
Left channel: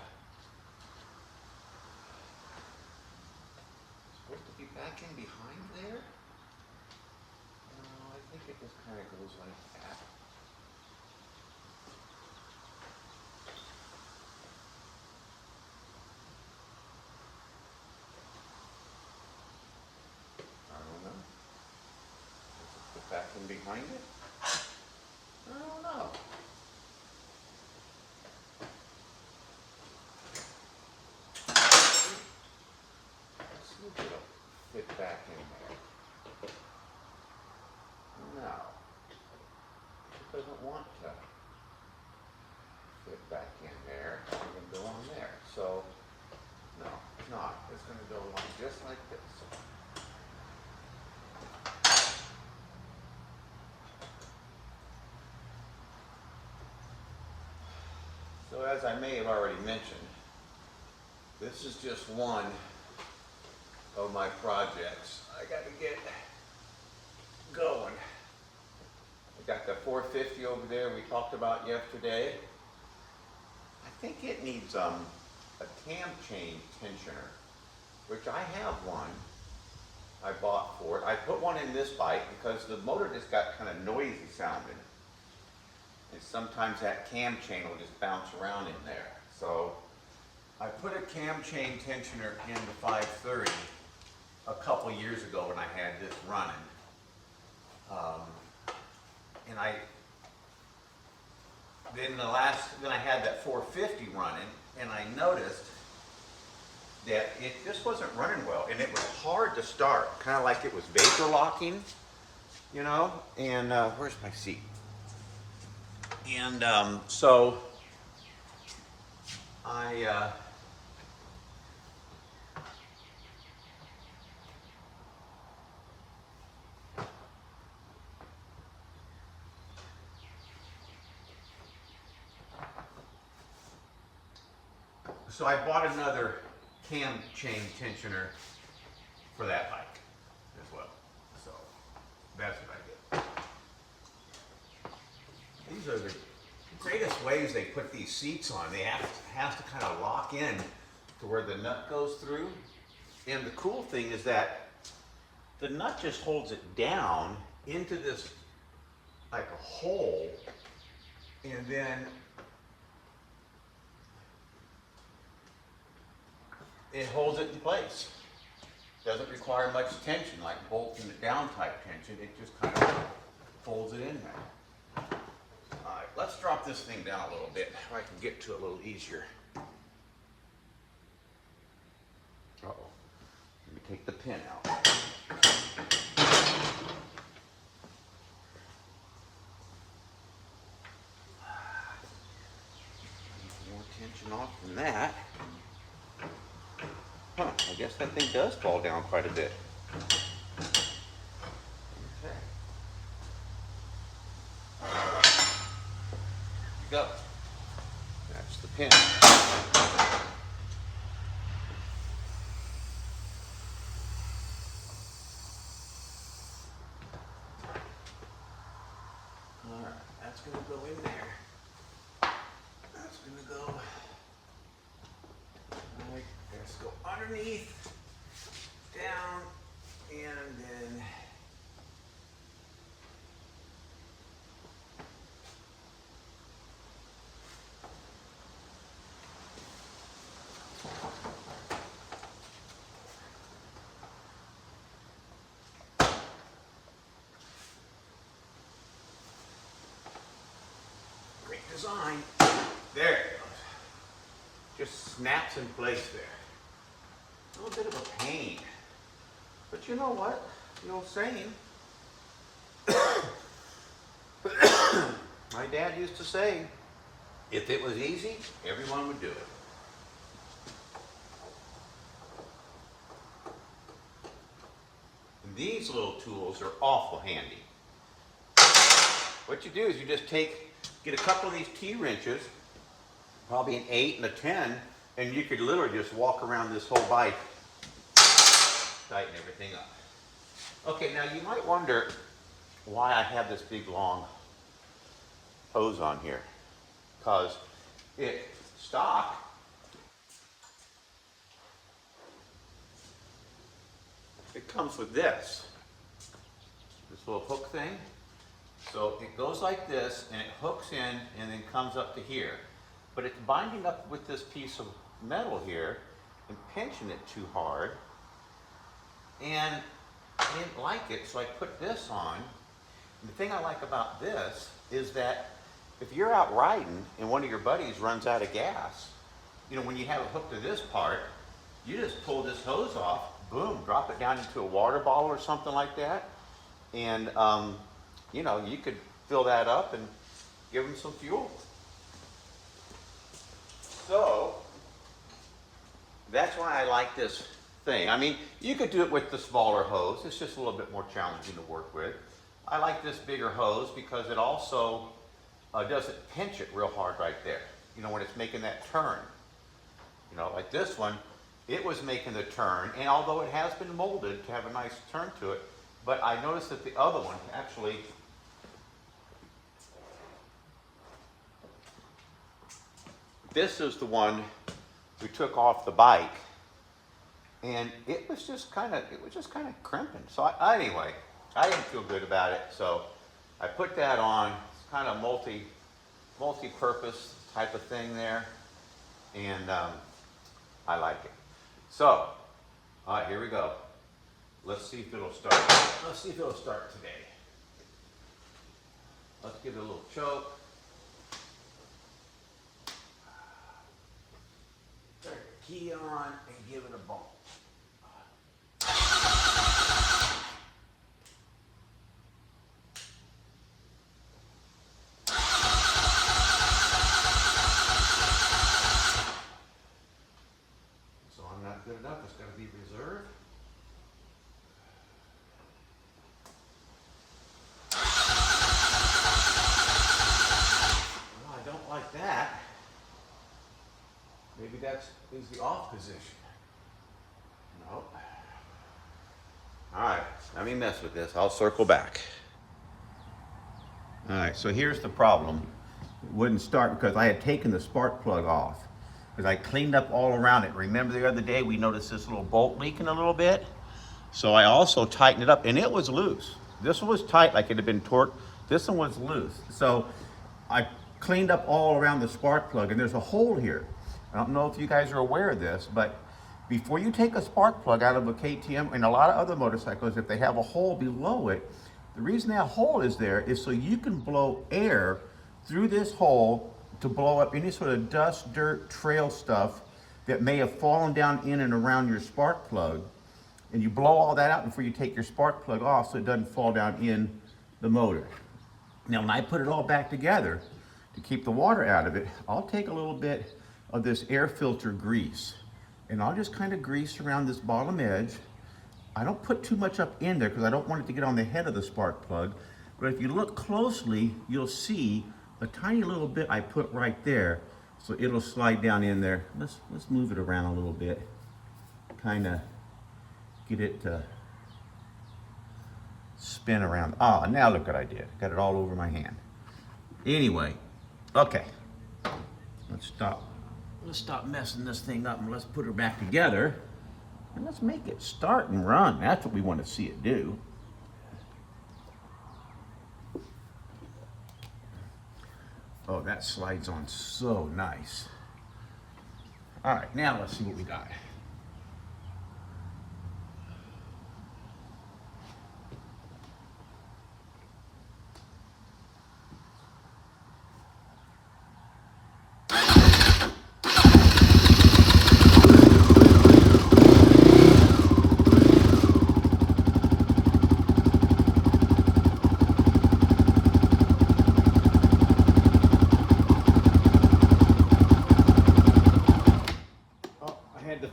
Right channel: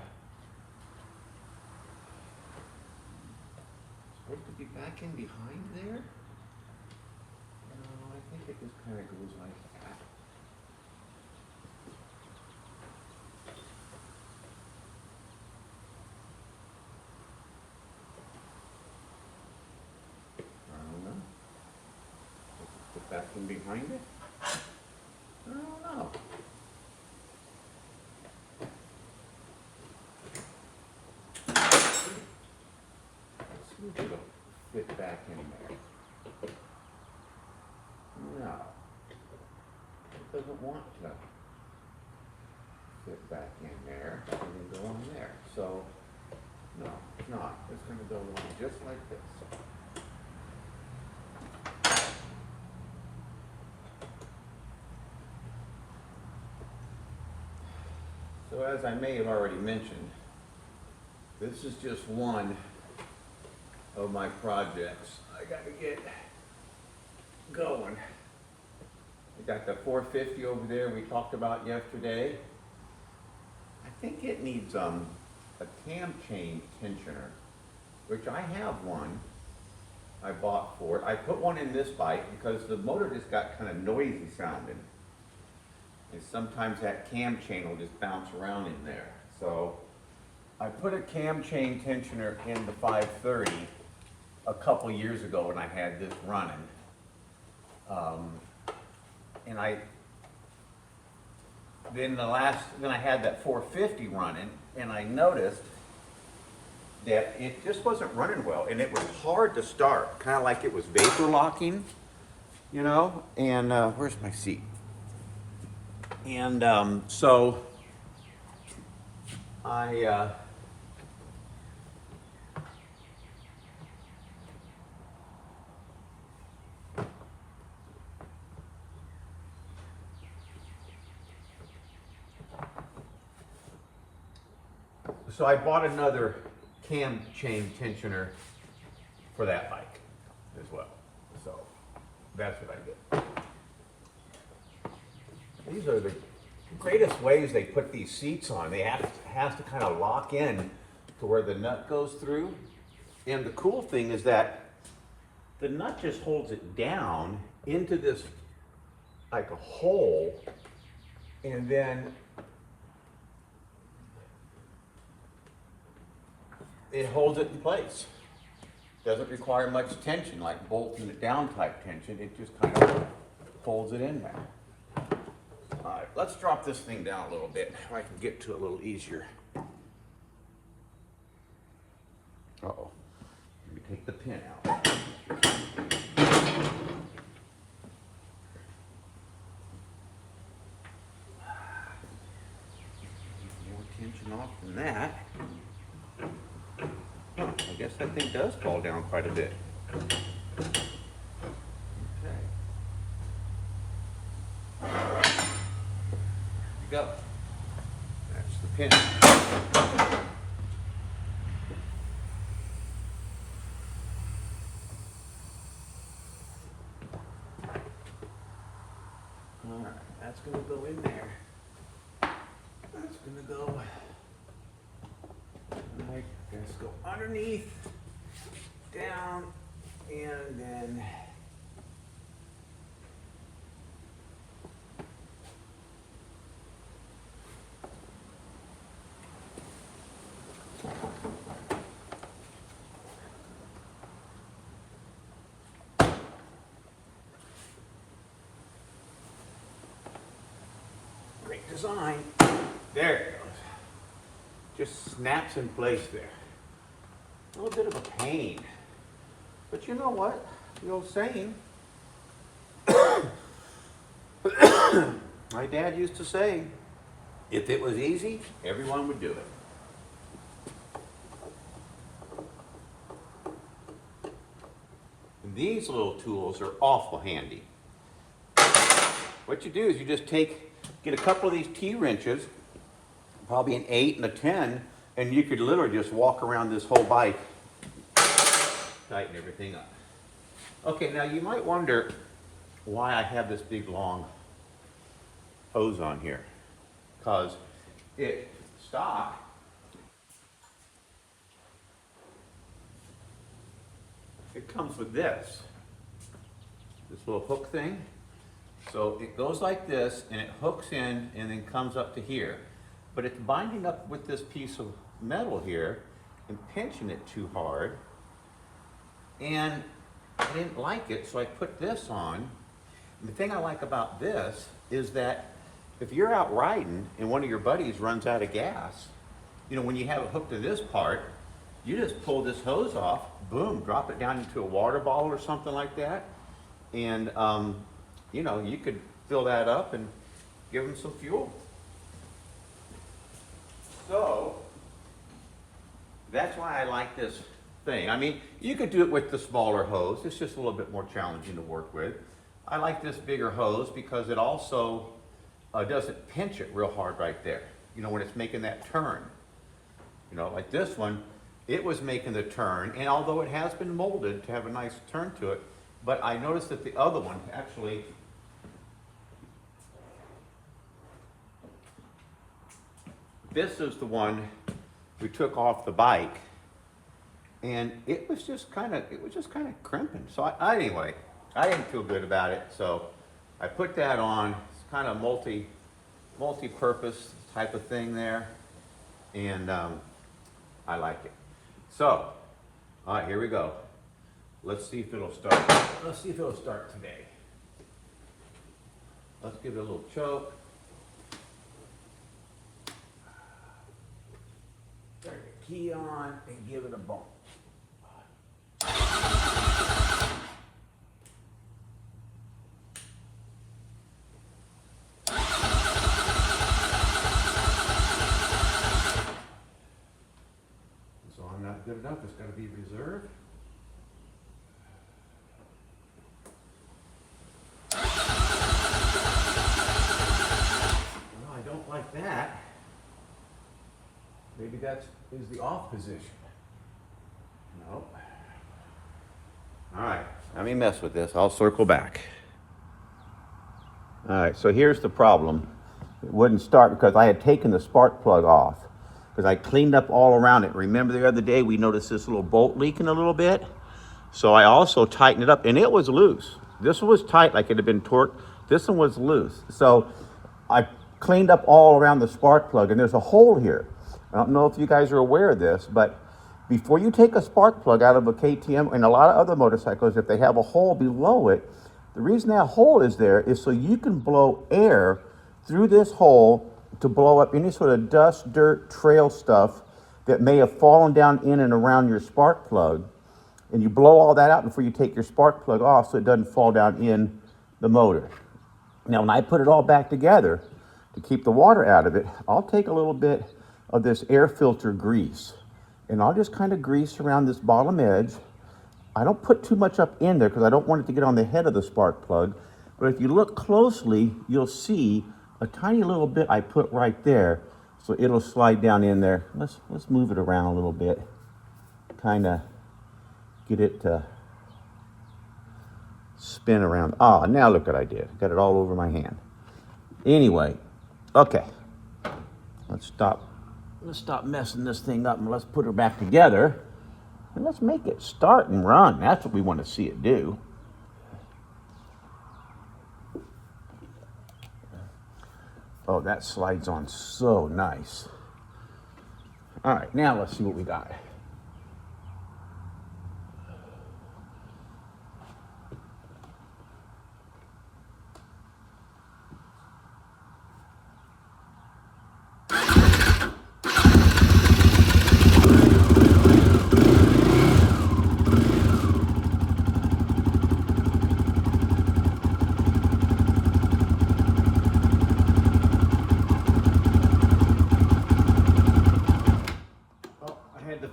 be back in behind there. No, I think it just kind of goes like that. I don't know. Does it fit back in behind it? I don't know. Let's see if it'll fit back in there. No. It doesn't want to fit back in there. It's going to go on there. So, no, it's not. It's going to go on just like this. So as I may have already mentioned, this is just one of my projects. I got to get going. We got the 450 over there we talked about yesterday. I think it needs a cam chain tensioner, which I have one I bought for it. I put one in this bike because the motor just got kind of noisy sounding. And sometimes that cam chain will just bounce around in there. So I put a cam chain tensioner in the 530 a couple years ago when I had this running. And then I had that 450 running, and I noticed that it just wasn't running well, and it was hard to start, kind of like it was vapor locking, you know. And where's my seat? And so I bought another cam chain tensioner for that bike as well. So that's what I did. These are the greatest ways they put these seats on. They have to kind of lock in to where the nut goes through. And the cool thing is that the nut just holds it down into this like a hole, and then it holds it in place. Doesn't require much tension, like bolting it down type tension. It just kind of folds it in there. All right, let's drop this thing down a little bit so I can get to it a little easier. Uh-oh. Let me take the pin out. More tension off from that. Huh, I guess that thing does fall down quite a bit. Okay. Go. That's the pin. All right, that's going to go in there. That's going to go. Like, let's go underneath, down, and then design. There it goes. Just snaps in place there. A little bit of a pain. But you know what? The old saying, my dad used to say, if it was easy, everyone would do it. And these little tools are awful handy. What you do is you just get a couple of these T-wrenches, probably an 8 and a 10, and you could literally just walk around this whole bike, tighten everything up. Okay, now you might wonder why I have this big long hose on here. Because it stock it comes with this little hook thing. So it goes like this and it hooks in and then comes up to here. But it's binding up with this piece of metal here and pinching it too hard. And I didn't like it, so I put this on. And the thing I like about this is that if you're out riding and one of your buddies runs out of gas, you know, when you have it hooked to this part, you just pull this hose off, boom, drop it down into a water bottle or something like that. And, you know, you could fill that up and give them some fuel. So, that's why I like this thing. I mean, you could do it with the smaller hose. It's just a little bit more challenging to work with. I like this bigger hose because it also doesn't pinch it real hard right there. You know, when it's making that turn. You know, like this one, it was making the turn, and although it has been molded to have a nice turn to it, but I noticed that the other one actually, this is the one we took off the bike, and it was just kind of crimping. So anyway, I didn't feel good about it, so I put that on. It's kind of multi-purpose type of thing there, and I like it. So, all right, here we go. Let's see if it'll start. Let's see if it'll start today. Let's give it a little choke. Turn the key on and give it a bump. So I'm not good enough. It's got to be reserved. Well, I don't like that. Maybe that's the off position. Nope. All right, let me mess with this. I'll circle back. All right, so here's the problem. It wouldn't start because I had taken the spark plug off because I cleaned up all around it. Remember the other day we noticed this little bolt leaking a little bit? So I also tightened it up, and it was loose. This one was tight like it had been torqued. This one was loose. So I cleaned up all around the spark plug, and there's a hole here. I don't know if you guys are aware of this, but before you take a spark plug out of a KTM and a lot of other motorcycles, if they have a hole below it, the reason that hole is there is so you can blow air through this hole to blow up any sort of dust, dirt, trail stuff that may have fallen down in and around your spark plug. And you blow all that out before you take your spark plug off so it doesn't fall down in the motor. Now, when I put it all back together to keep the water out of it, I'll take a little bit of this air filter grease and I'll just kind of grease around this bottom edge. I don't put too much up in there because I don't want it to get on the head of the spark plug. But if you look closely, you'll see a tiny little bit I put right there. So it'll slide down in there. Let's move it around a little bit. Kind of get it to spin around. Ah, now look what I did. Got it all over my hand. Anyway, okay. Let's stop messing this thing up and let's put her back together. And let's make it start and run. That's what we want to see it do. Oh, that slides on so nice. All right, now let's see what we got.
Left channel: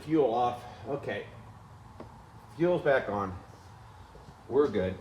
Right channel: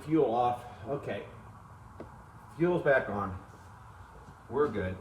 fuel off. Okay, fuel's back on. We're good.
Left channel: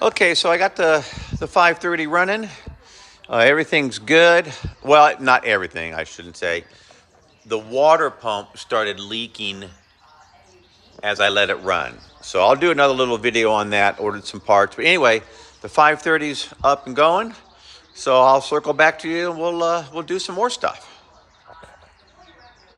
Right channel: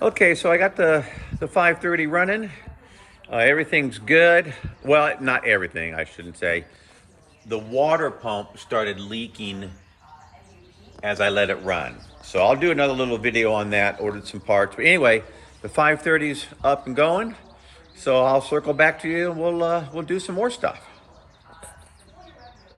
Okay, so I got the 530 running. Everything's good. Well, not everything, I shouldn't say. The water pump started leaking as I let it run. So I'll do another little video on that, ordered some parts. But anyway, the 530's up and going. So I'll circle back to you and we'll do some more stuff.